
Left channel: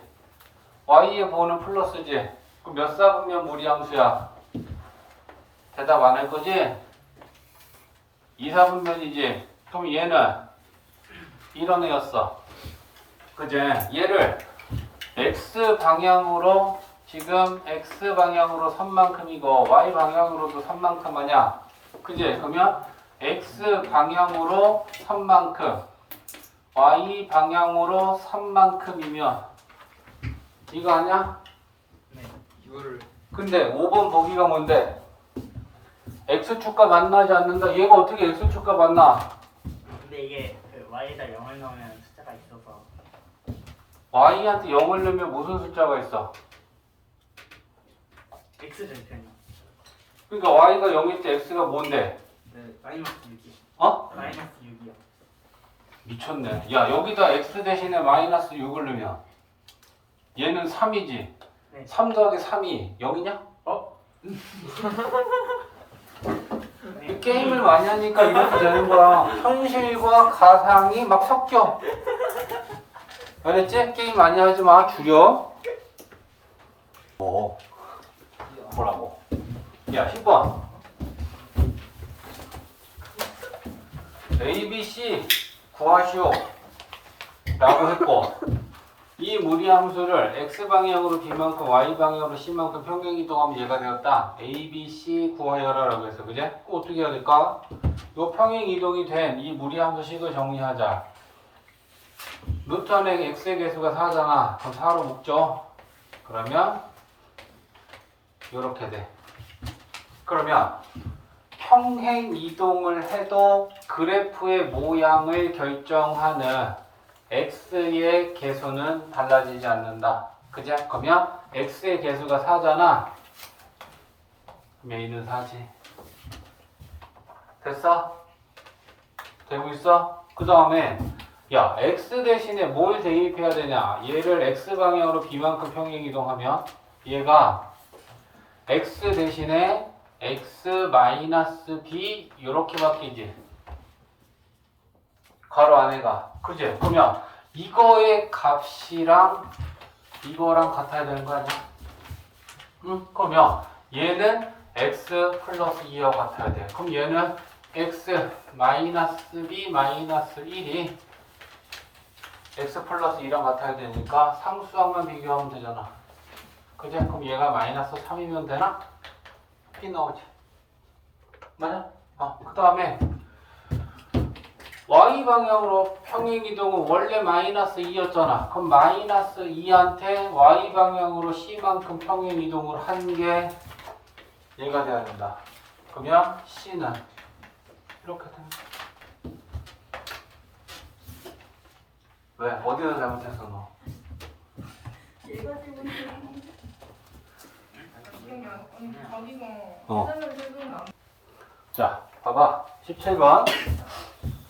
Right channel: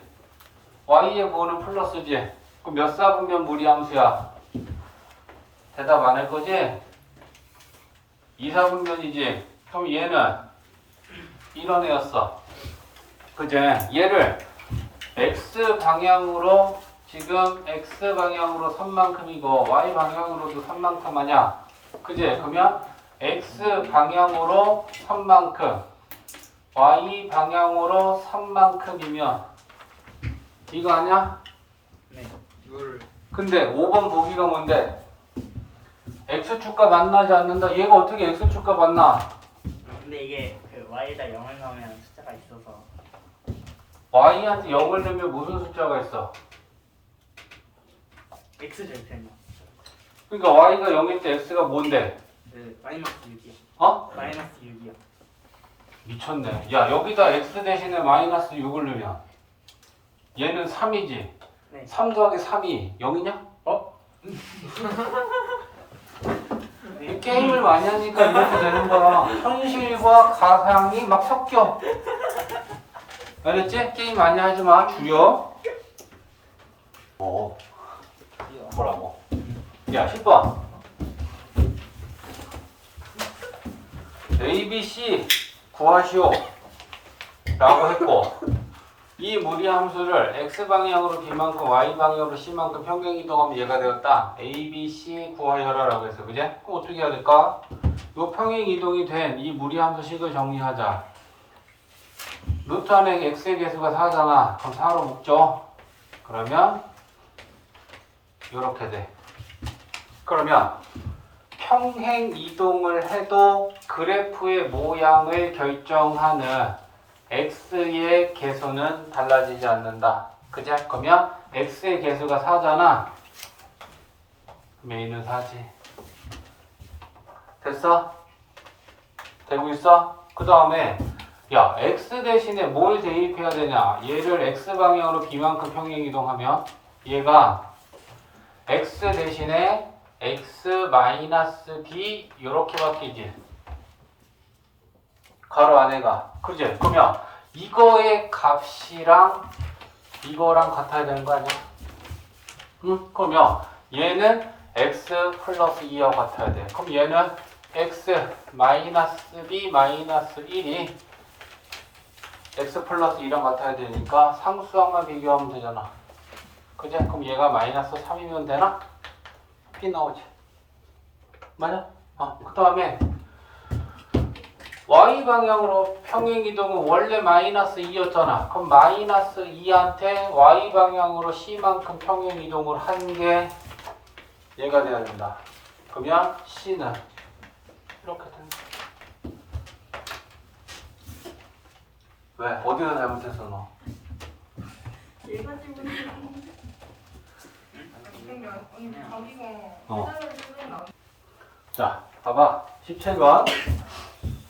y의 부호는 플러스지. 그럼 몇 사분면 무리함수야? 대답 안 할 거지? 2, 4분면이지? 그럼 얘는 이런 애였어. 그제? 얘를 x 방향으로 지금 x 방향으로 3만큼이고 y 방향으로도 3만큼 하냐? 그지? 그러면 x 방향으로 3만큼 y 방향으로 3만큼이면 이거 아니야? 네. 이거를 근데 5번 보기가 뭔데? x축과 만나지 않는다. 얘가 어떻게 x축과 만나? 근데 이게 그 y에다 0을 넣으면 숫자가 있어서 y한테 0을 넣으면 무슨 숫자가 있어? x 절편이요. 그러니까 y가 0일 때 x가 뭔데? 그 마이너스 6이요. 어? 마이너스 6이요. 미쳤네. 야, 여기다 x 대신에 마이너스 6을 넣으면 얘는 3이지. 네. 3 더하기 3이 0이냐? 이 게임을 많이 하니까 이렇게 되는 거야. 현실과 가상이 막 섞여. 알았지? 게임 많이 하지 마. 줄여. 뭐라고? 야, 10번. A, B, C 구하시오. 라고 했고, 이 무리함수를 x방향으로 b만큼 y방향으로 c만큼 평행 이동하면 얘가 되었다. A, B, C 구하여라 라고 했어. 그제? 그럼 어떻게 해야 될까? 요 평행 이동이 된 이 무리함수식을 정리하자. 루트 안에 x의 개수가 4잖아. 그럼 4로 묶죠. 그러면 요렇게 돼. 그러면 평행 이동을 해도 그래프의 모양을 결정하는 x의 개수는 달라지지 않는다. 그지? 그러면 x의 개수가 4잖아. 그럼 a는 4지. 됐어? 되고 있어? 그 다음에 야, x 대신에 뭘 대입해야 되냐? 얘를 x방향으로 b만큼 평행 이동하면 얘가 x 대신에 x-b 이렇게 바뀌지. 가로 안에가. 그지? 그러면 이거의 값이랑 이거랑 같아야 되는 거 아니야? 응? 그러면 얘는 x 플러스 2하고 같아야 돼. 그럼 얘는 x 마이너스 b 마이너스 1이 x 플러스 2랑 같아야 되니까 상수항만 비교하면 되잖아. 그지? 그럼 얘가 마이너스 3이면 되나? 이 나오지. 맞아? 그 다음에 y방향으로 평행이동은 원래 마이너스 2였잖아. 그럼 마이너스 2한테 y방향으로 c만큼 평행이동을 한 게 얘가 돼야 된다. 그러면 c는 이렇게 된다. 왜? 어디가 잘못했어 너? 자, 봐봐. 17번.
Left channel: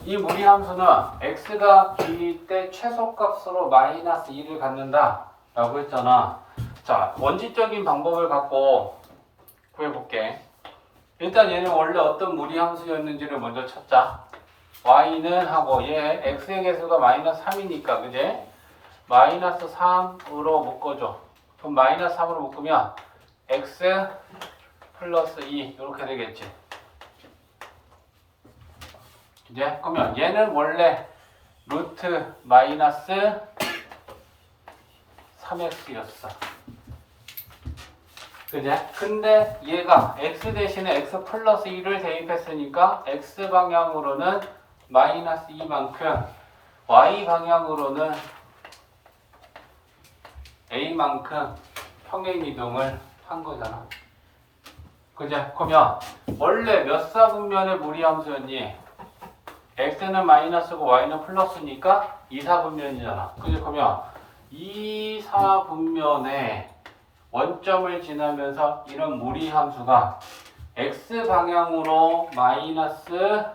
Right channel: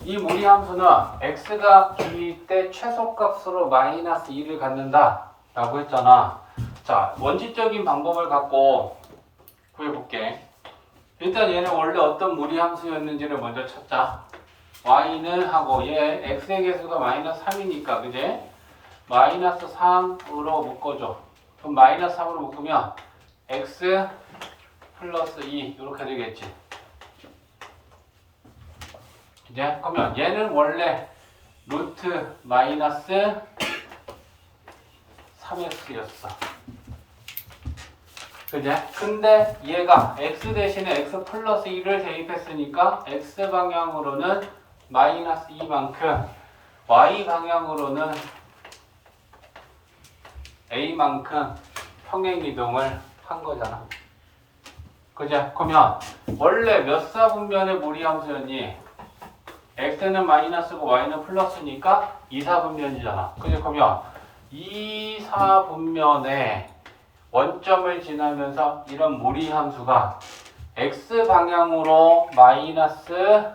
이 무리함수는 x가 b일 때 최소값으로 마이너스 2를 갖는다 라고 했잖아. 자, 원칙적인 방법을 갖고 구해볼게. 일단 얘는 원래 어떤 무리함수였는지를 먼저 찾자. y는 하고 얘 x의 개수가 마이너스 3이니까 그제? 마이너스 3으로 묶어줘. 그럼 마이너스 3으로 묶으면 x 플러스 2 이렇게 되겠지. 이제 그러면 얘는 원래 루트 마이너스 3x였어. 그제? 근데 얘가 x 대신에 x 플러스 2를 대입했으니까 x 방향으로는 마이너스 2만큼 y 방향으로는 a만큼 평행 이동을 한 거잖아. 그제? 그러면 원래 몇 사분면의 무리함수였니? x는 마이너스고 y는 플러스니까 2사분면이잖아. 그러면 2사분면에 원점을 지나면서 이런 무리함수가 x방향으로 마이너스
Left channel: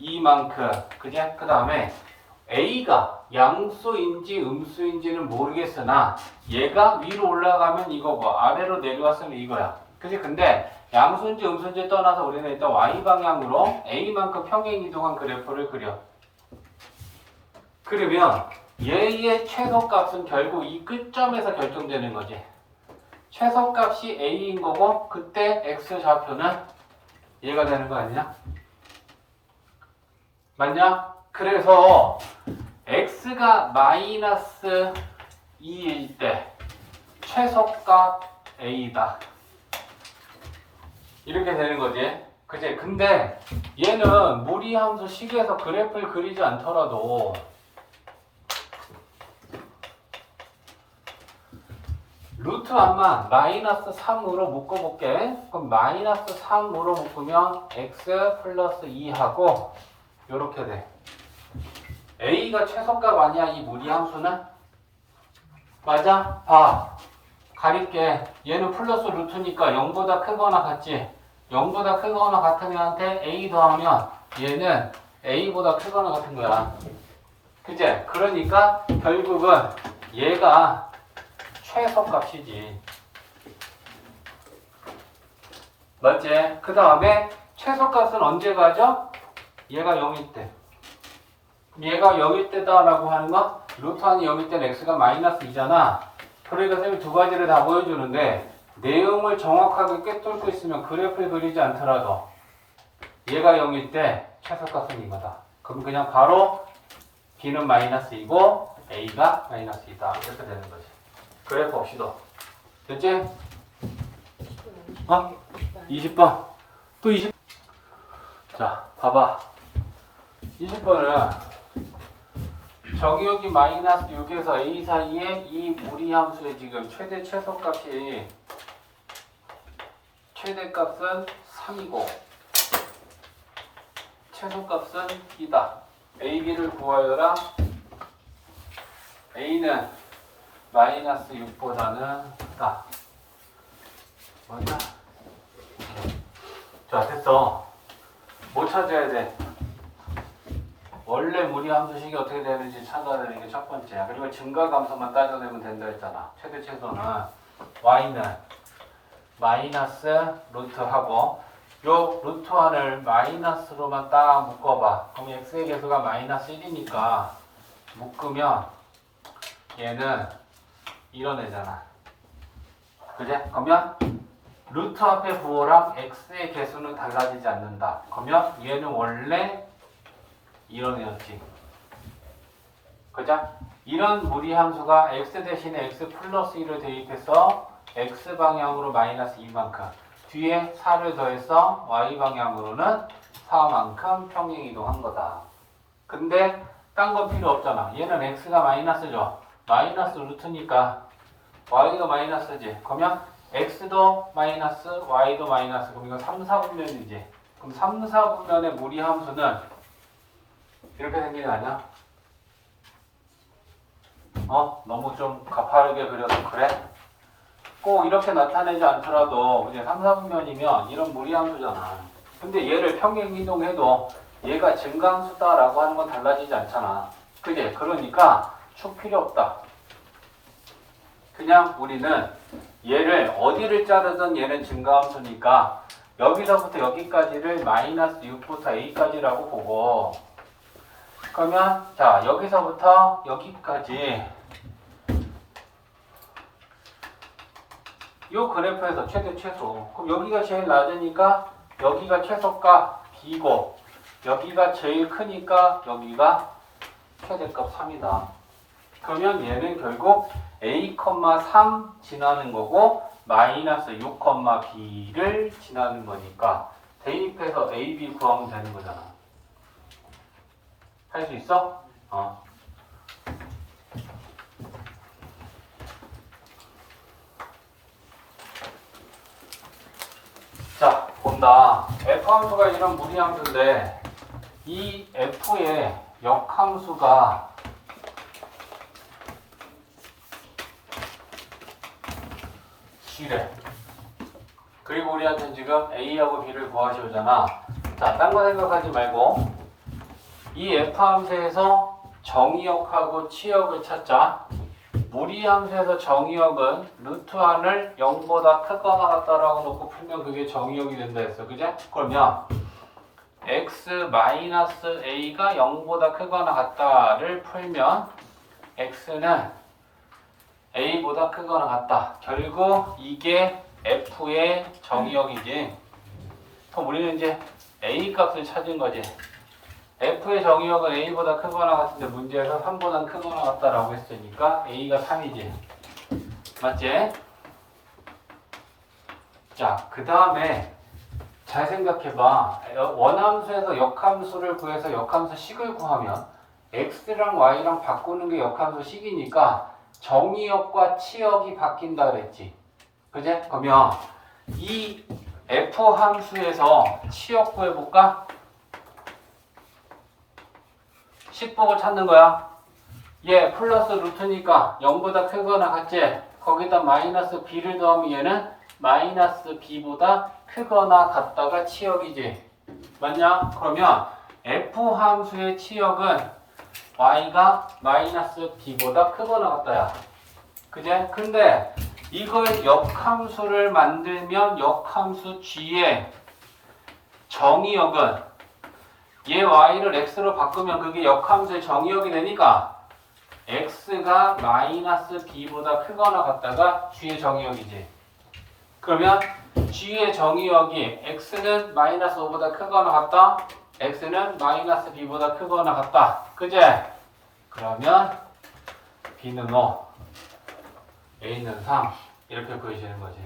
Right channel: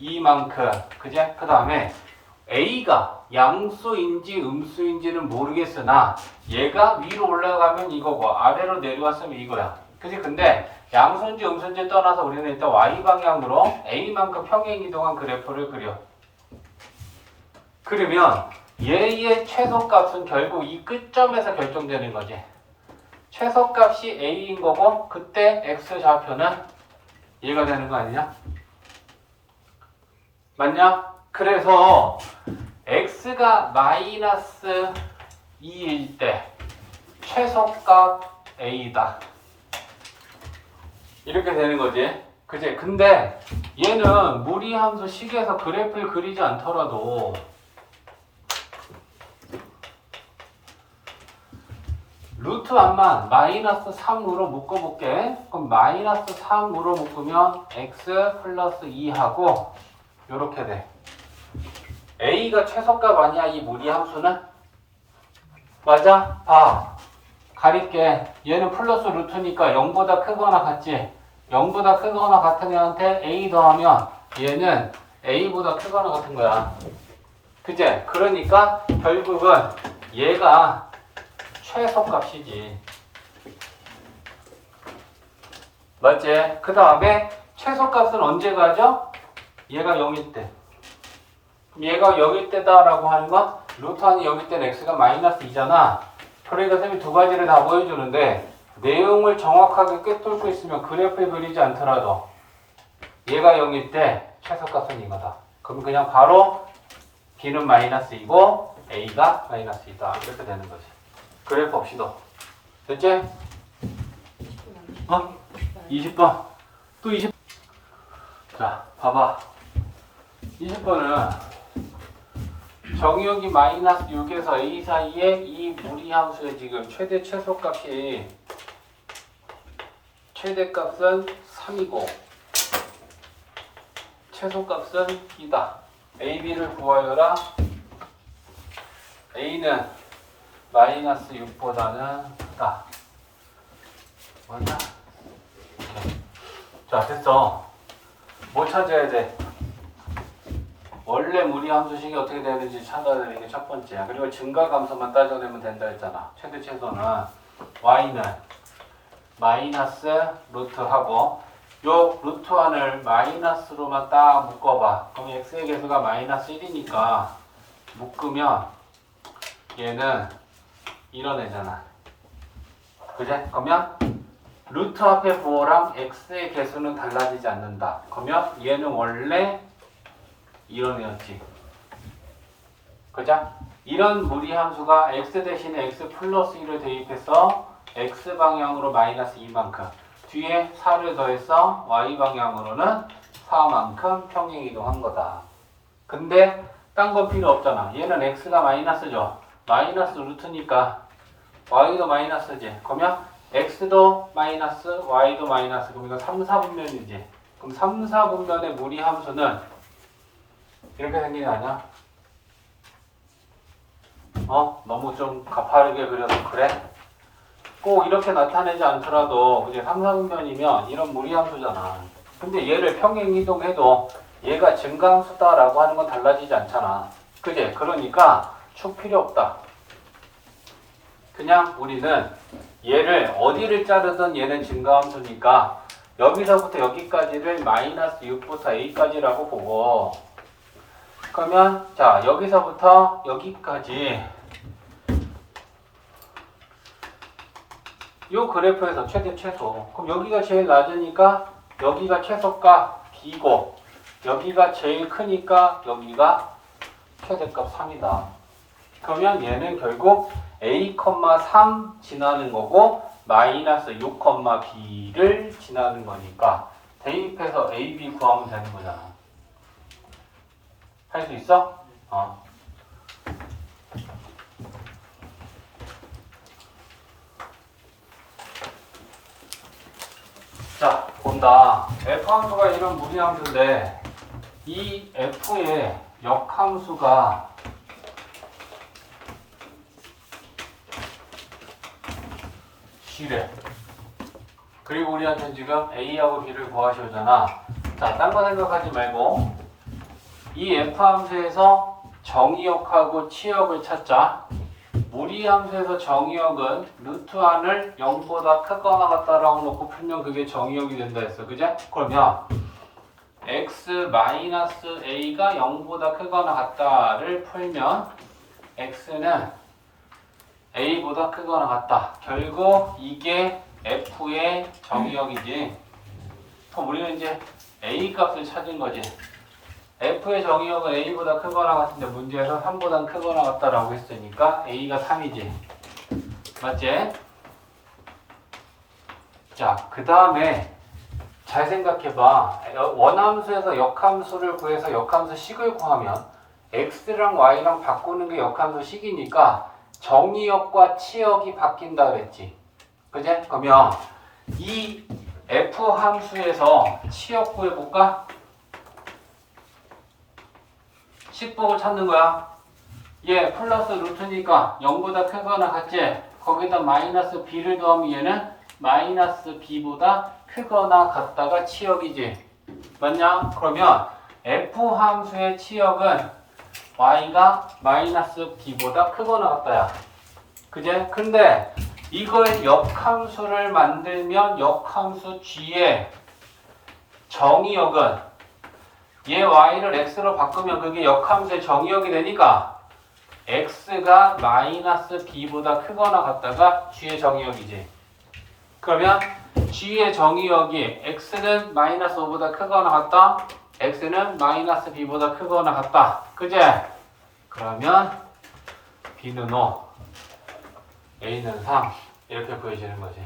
2만큼 그제? 그 다음에 a가 양수인지 음수인지는 모르겠으나 얘가 위로 올라가면 이거고 아래로 내려왔으면 이거야. 그지? 근데 양수인지 음수인지 떠나서 우리는 일단 y방향으로 a만큼 평행 이동한 그래프를 그려. 그러면 얘의 최소값은 결국 이 끝점에서 결정되는 거지. 최소값이 a인 거고 그때 x 좌표는 얘가 되는 거 아니냐? 맞냐? 그래서 x가 마이너스 2일 때 최소값 a다. 이렇게 되는 거지. 그지? 근데 얘는 무리함수 식에서 그래프를 그리지 않더라도 루트 안만 마이너스 3으로 묶어볼게. 그럼 마이너스 3으로 묶으면 x 플러스 2하고 요렇게 돼. a가 최소값 아니야 이 무리함수는? 맞아? 봐. 가릴게. 얘는 플러스 루트니까 0보다 크거나 같지? 0보다 크거나 같은 애한테 a 더하면 얘는 a보다 크거나 같은 거야. 그제? 그러니까 결국은 얘가 최소값이지. 맞지? 그 다음에 최소값은 언제 가죠? 얘가 0일 때. 얘가 0일 때다라고 하는 건 루트 안이 0일 때는 x가 마이너스 2잖아. 그러니까 쌤이 두 가지를 다 보여주는데 내용을 정확하게 꿰뚫고 있으면 그래프를 그리지 않더라도 얘가 0일 때 최소값은 이거다. 그럼 그냥 바로 b는 마이너스 2고 a가 마이너스 2다. 이렇게 되는 거지. 그래프 없이도. 됐지? 20번. 또 20. 자, 봐봐. 20번은 정의역이 마이너스 6에서 a 사이에 이 무리함수의 지금 최대 최소값이 최대값은 3이고 최소값은 2다. a, b를 구하여라. a는 마이너스 6보다는 크다. 뭐냐? 자, 됐어. 뭐 찾아야 돼? 원래 무리함수식이 어떻게 되는지 찾아내는 게 첫 번째야. 그리고 증가감소만 따져내면 된다 했잖아. 최대 최소는 y는 마이너스 루트하고 요 루트 1을 마이너스로만 딱 묶어봐. 그럼 x의 개수가 마이너스 1이니까 묶으면 얘는 이런 애잖아. 그제? 그러면 루트 앞에 부호랑 x의 개수는 달라지지 않는다. 그러면 얘는 원래 이런 애였지. 그죠? 이런 무리함수가 x 대신에 x 플러스 1을 대입해서 x 방향으로 마이너스 2만큼 뒤에 4를 더해서 y 방향으로는 4만큼 평행이동한 거다. 근데 딴 거 필요 없잖아. 얘는 x가 마이너스죠. 마이너스 루트니까 y가 마이너스지. 그러면 x도 마이너스 y도 마이너스. 그럼 이거 3, 4분면이지. 그럼 3, 4분면의 무리함수는 이렇게 생긴 게 아니야? 너무 좀 가파르게 그려서 그래? 꼭 이렇게 나타내지 않더라도 이제 3, 4분면이면 이런 무리함수잖아. 근데 얘를 평행 이동해도 얘가 증가함수다라고 하는 건 달라지지 않잖아. 그지? 그러니까 축 필요 없다. 그냥 우리는 얘를 어디를 자르든 얘는 증가함수니까 여기서부터 여기까지를 마이너스 6부터 a까지라고 보고 그러면 자 여기서부터 여기까지 이 그래프에서 최대 최소. 그럼 여기가 제일 낮으니까 여기가 최소값 b고 여기가 제일 크니까 여기가 최대값 3이다. 그러면 얘는 결국 a, 3 지나는 거고 마이너스 6, b를 지나는 거니까 대입해서 a, b 구하면 되는 거잖아. 할 수 있어? 자, 본다. f함수가 이런 무리함수인데 이 f의 역함수가 G래. 그리고 우리한테는 지금 A하고 B를 구하시오잖아. 자, 딴 거 생각하지 말고 이 F함수에서 정의역하고 치역을 찾자. 무리함수에서 정의역은 루트 1을 0보다 크거나 같다라고 놓고 풀면 그게 정의역이 된다 했어. 그제? 그러면 x-a가 0보다 크거나 같다를 풀면 x는 A보다 크거나 같다. 결국 이게 F의 정의역이지. 그럼 우리는 이제 A 값을 찾은 거지. F의 정의역은 A보다 크거나 같은데 문제에서 3보다 크거나 같다라고 했으니까 A가 3이지. 맞지? 자, 그 다음에 잘 생각해봐. 원함수에서 역함수를 구해서 역함수 식을 구하면 x랑 y랑 바꾸는 게 역함수 식이니까 정의역과 치역이 바뀐다 그랬지. 그지? 그러면 이 f 함수에서 치역 구해볼까? 식복을 찾는 거야. 얘 플러스 루트니까 0보다 크거나 같지? 거기다 마이너스 b를 더하면 얘는 마이너스 b보다 크거나 같다가 치역이지. 맞냐? 그러면 f 함수의 치역은 y가 마이너스 b보다 크거나 같다야. 그제? 근데 이걸 역함수를 만들면 역함수 g의 정의역은 얘 y를 x로 바꾸면 그게 역함수의 정의역이 되니까 x가 마이너스 b보다 크거나 같다가 g의 정의역이지. 그러면 g의 정의역이 x는 마이너스 5보다 크거나 같다. x는 마이너스 b보다 크거나 같다. 그제? 그러면 b는 5, a는 3 이렇게 보여지는 거지.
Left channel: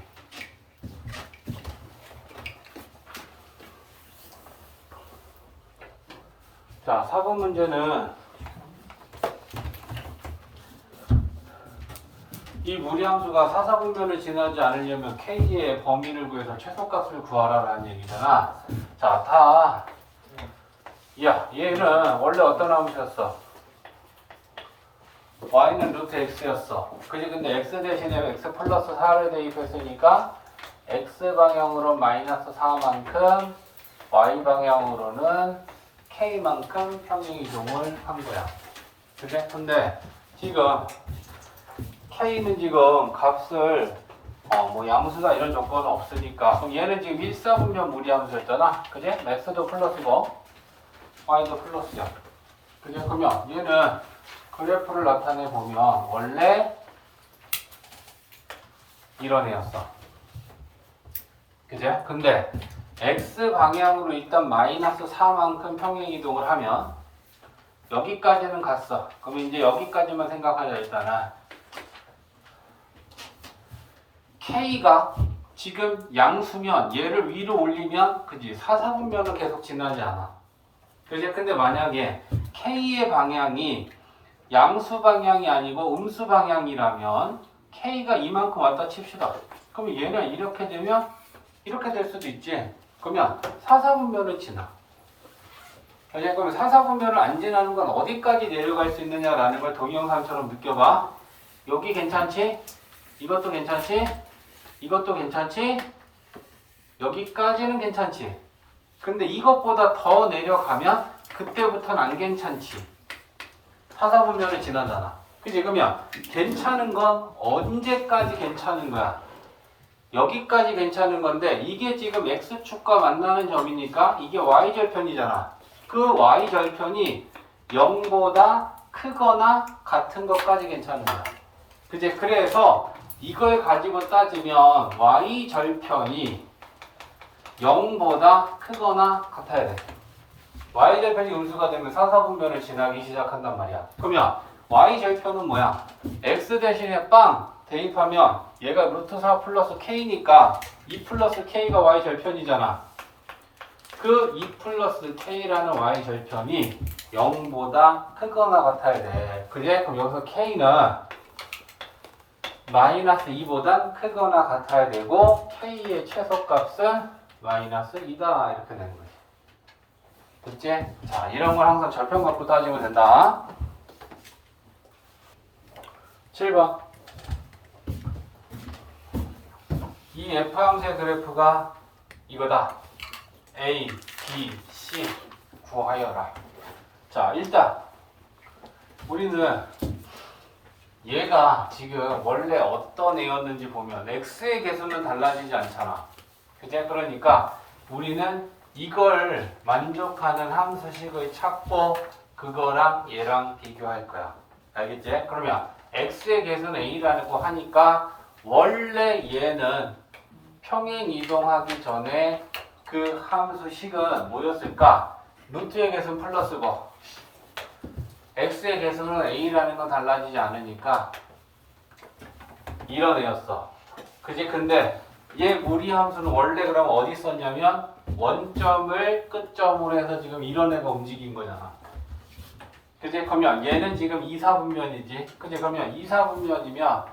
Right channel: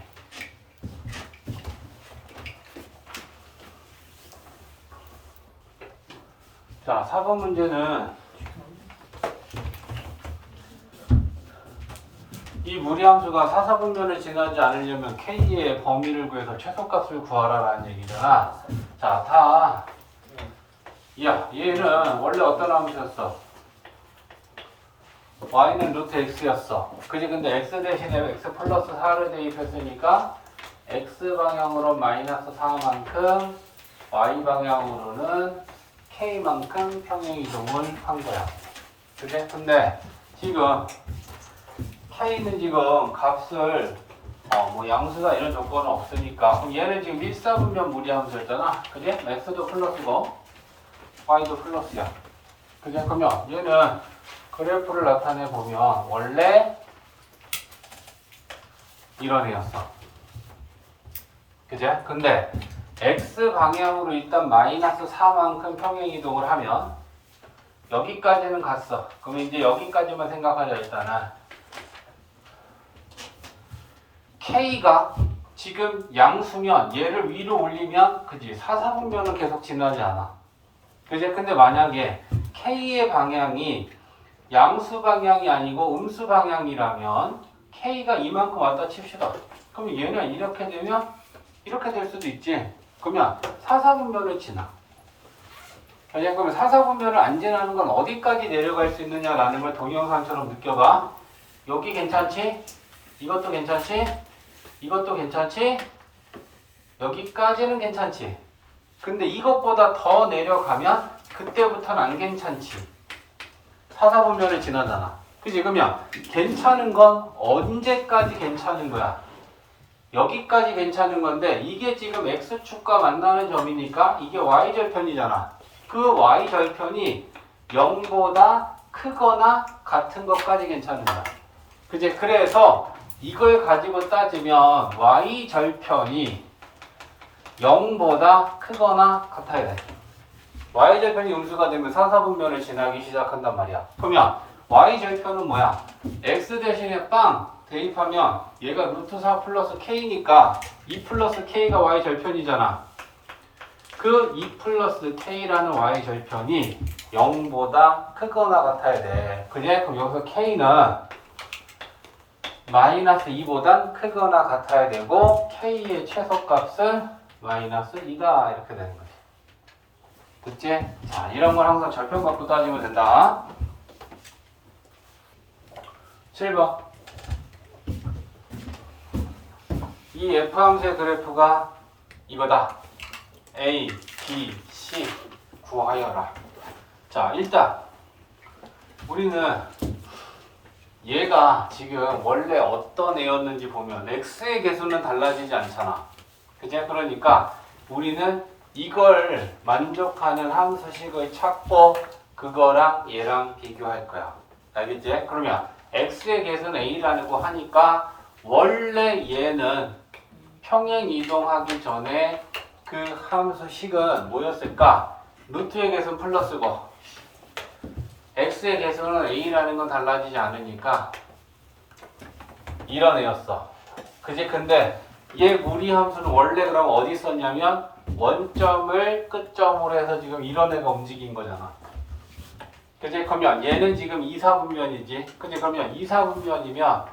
자, 4번 문제는 이 무리함수가 사사분면을 지나지 않으려면 k의 범위를 구해서 최소값을 구하라라는 얘기잖아. 자, 야, 얘는 원래 어떤 함수였어? y는 루트 x였어. 그지? 근데 x 대신에 x 플러스 4를 대입했으니까 x 방향으로 마이너스 4만큼 y 방향으로는 k만큼 평행이동을 한 거야. 그래? 근데 지금 k는 지금 값을 뭐 양수다 이런 조건은 없으니까 그럼 얘는 지금 1사분면 무리함수였잖아. 그지? x도 플러스고 y도 플러스야. 그지? 그러면 얘는 그래프를 나타내 보면 원래 이런 애였어. 그지? 근데 x 방향으로 일단 마이너스 4만큼 평행이동을 하면 여기까지는 갔어. 그러면 이제 여기까지만 생각하자. 일단은 k가 지금 양수면 얘를 위로 올리면 그지? 사사분면은 계속 지나지 않아. 그지? 근데 만약에 k의 방향이 양수 방향이 아니고 음수 방향이라면 k가 이만큼 왔다 칩시다. 그러면 얘는 이렇게 되면 이렇게 될 수도 있지. 그러면 사사분면은 지나. 그러면 사사분면을 안 지나는 건 어디까지 내려갈 수 있느냐라는 걸 동영상처럼 느껴봐. 여기 괜찮지? 이것도 괜찮지? 이것도 괜찮지? 여기까지는 괜찮지? 근데 이것보다 더 내려가면 그때부터는 안 괜찮지. 사사분면을 지나잖아. 그치? 그러면 괜찮은 건 언제까지 괜찮은 거야? 여기까지 괜찮은 건데 이게 지금 x축과 만나는 점이니까 이게 y절편이잖아. 그 y절편이 0보다 크거나 같은 것까지 괜찮은 거야. 그치? 그래서 이걸 가지고 따지면 y절편이 0보다 크거나 같아야 돼. y절편이 음수가 되면 사사분면을 지나기 시작한단 말이야. 그러면 y절편은 뭐야? x 대신에 빵 대입하면 얘가 루트 4 플러스 k니까 2 플러스 k가 y절편이잖아. 그 2 플러스 k라는 y절편이 0보다 크거나 같아야 돼. 그래? 그럼 여기서 k는 마이너스 2보단 크거나 같아야 되고 k의 최소값은 마이너스 2다 이렇게 되는 거지. 됐지? 자, 이런 걸 항상 절편 갖고 따지면 된다. 7번. 이 F함수의 그래프가 이거다. A, B, C 구하여라. 자, 일단 우리는 얘가 지금 원래 어떤 애였는지 보면 x의 개수는 달라지지 않잖아. 그치? 그러니까 우리는 이걸 만족하는 함수식을 찾고 그거랑 얘랑 비교할 거야. 알겠지? 그러면 x의 개수는 a라고 하니까 원래 얘는 평행 이동하기 전에 그 함수 식은 뭐였을까? 루트의 개수는 플러스고 x의 개수는 a라는 건 달라지지 않으니까 이런 애였어. 그지? 근데 얘 무리 함수는 원래 그럼 어디 있었냐면 원점을 끝점으로 해서 지금 이런 애가 움직인 거잖아. 그지? 그러면 얘는 지금 이사분면이지. 그지? 그러면 이사분면이면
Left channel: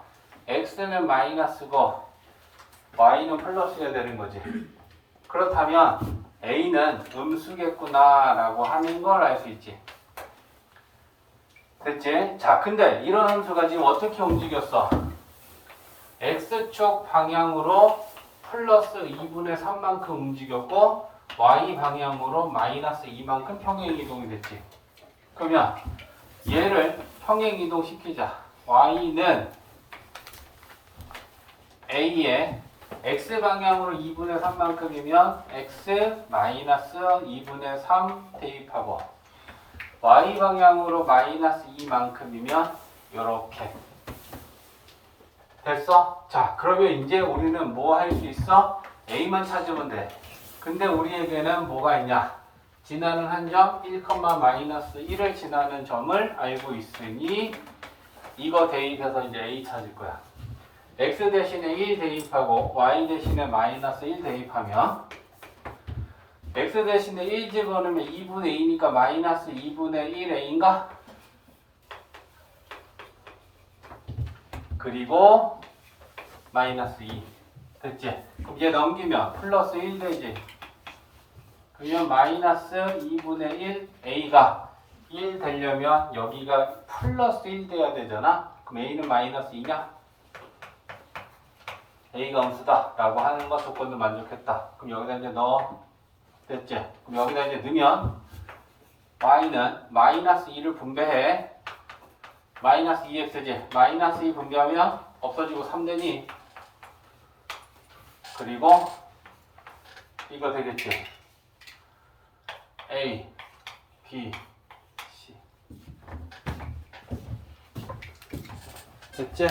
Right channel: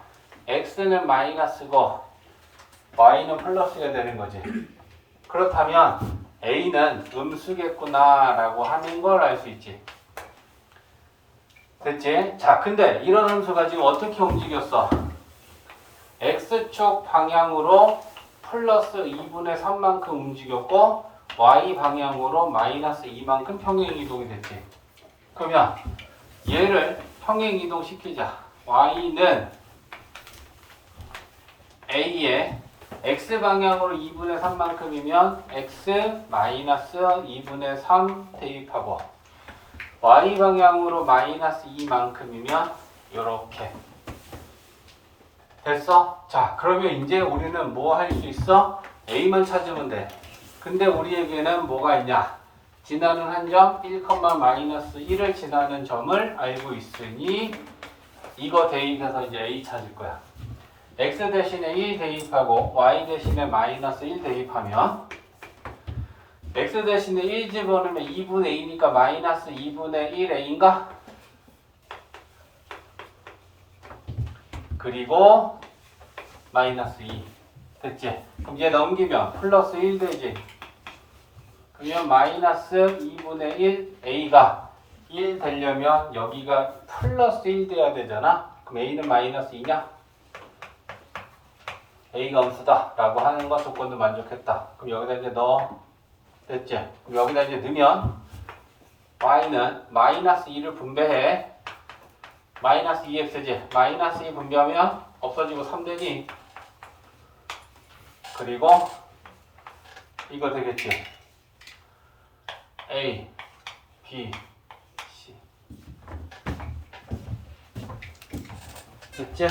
x는 마이너스고 y는 플러스가 되는 거지. 그렇다면 a는 음수겠구나 라고 하는 걸 알 수 있지. 됐지? 자, 근데 이런 함수가 지금 어떻게 움직였어? x축 방향으로 플러스 2분의 3만큼 움직였고 y 방향으로 마이너스 2만큼 평행이동이 됐지. 그러면 얘를 평행이동 시키자. y는 a에 x 방향으로 2분의 3만큼이면 x 마이너스 2분의 3 대입하고 y 방향으로 마이너스 2만큼이면 요렇게 됐어? 자, 그러면 이제 우리는 뭐 할 수 있어? a만 찾으면 돼. 근데 우리에게는 뭐가 있냐? 지나는 한 점 1, 마이너스 1을 지나는 점을 알고 있으니 이거 대입해서 이제 a 찾을 거야. x 대신에 1 대입하고 y 대신에 마이너스 1 대입하면 x 대신에 1 집어넣으면 2분의 2니까 마이너스 2분의 1a인가? 그리고 마이너스 2 됐지? 그럼 얘 넘기면 플러스 1 되지? 그러면 마이너스 2분의 1 a가 1 되려면 여기가 플러스 1 돼야 되잖아? 그럼 a는 마이너스 2냐? a가 음수다 라고 하는 거 조건도 만족했다. 그럼 여기다 이제 넣어. 됐지? 그럼 여기다 이제 넣으면 y는 마이너스 2를 분배해. 마이너스 2x지? 마이너스 2 분배하면 없어지고 3되니? 그리고 이거 되겠지? a, b, c 됐지?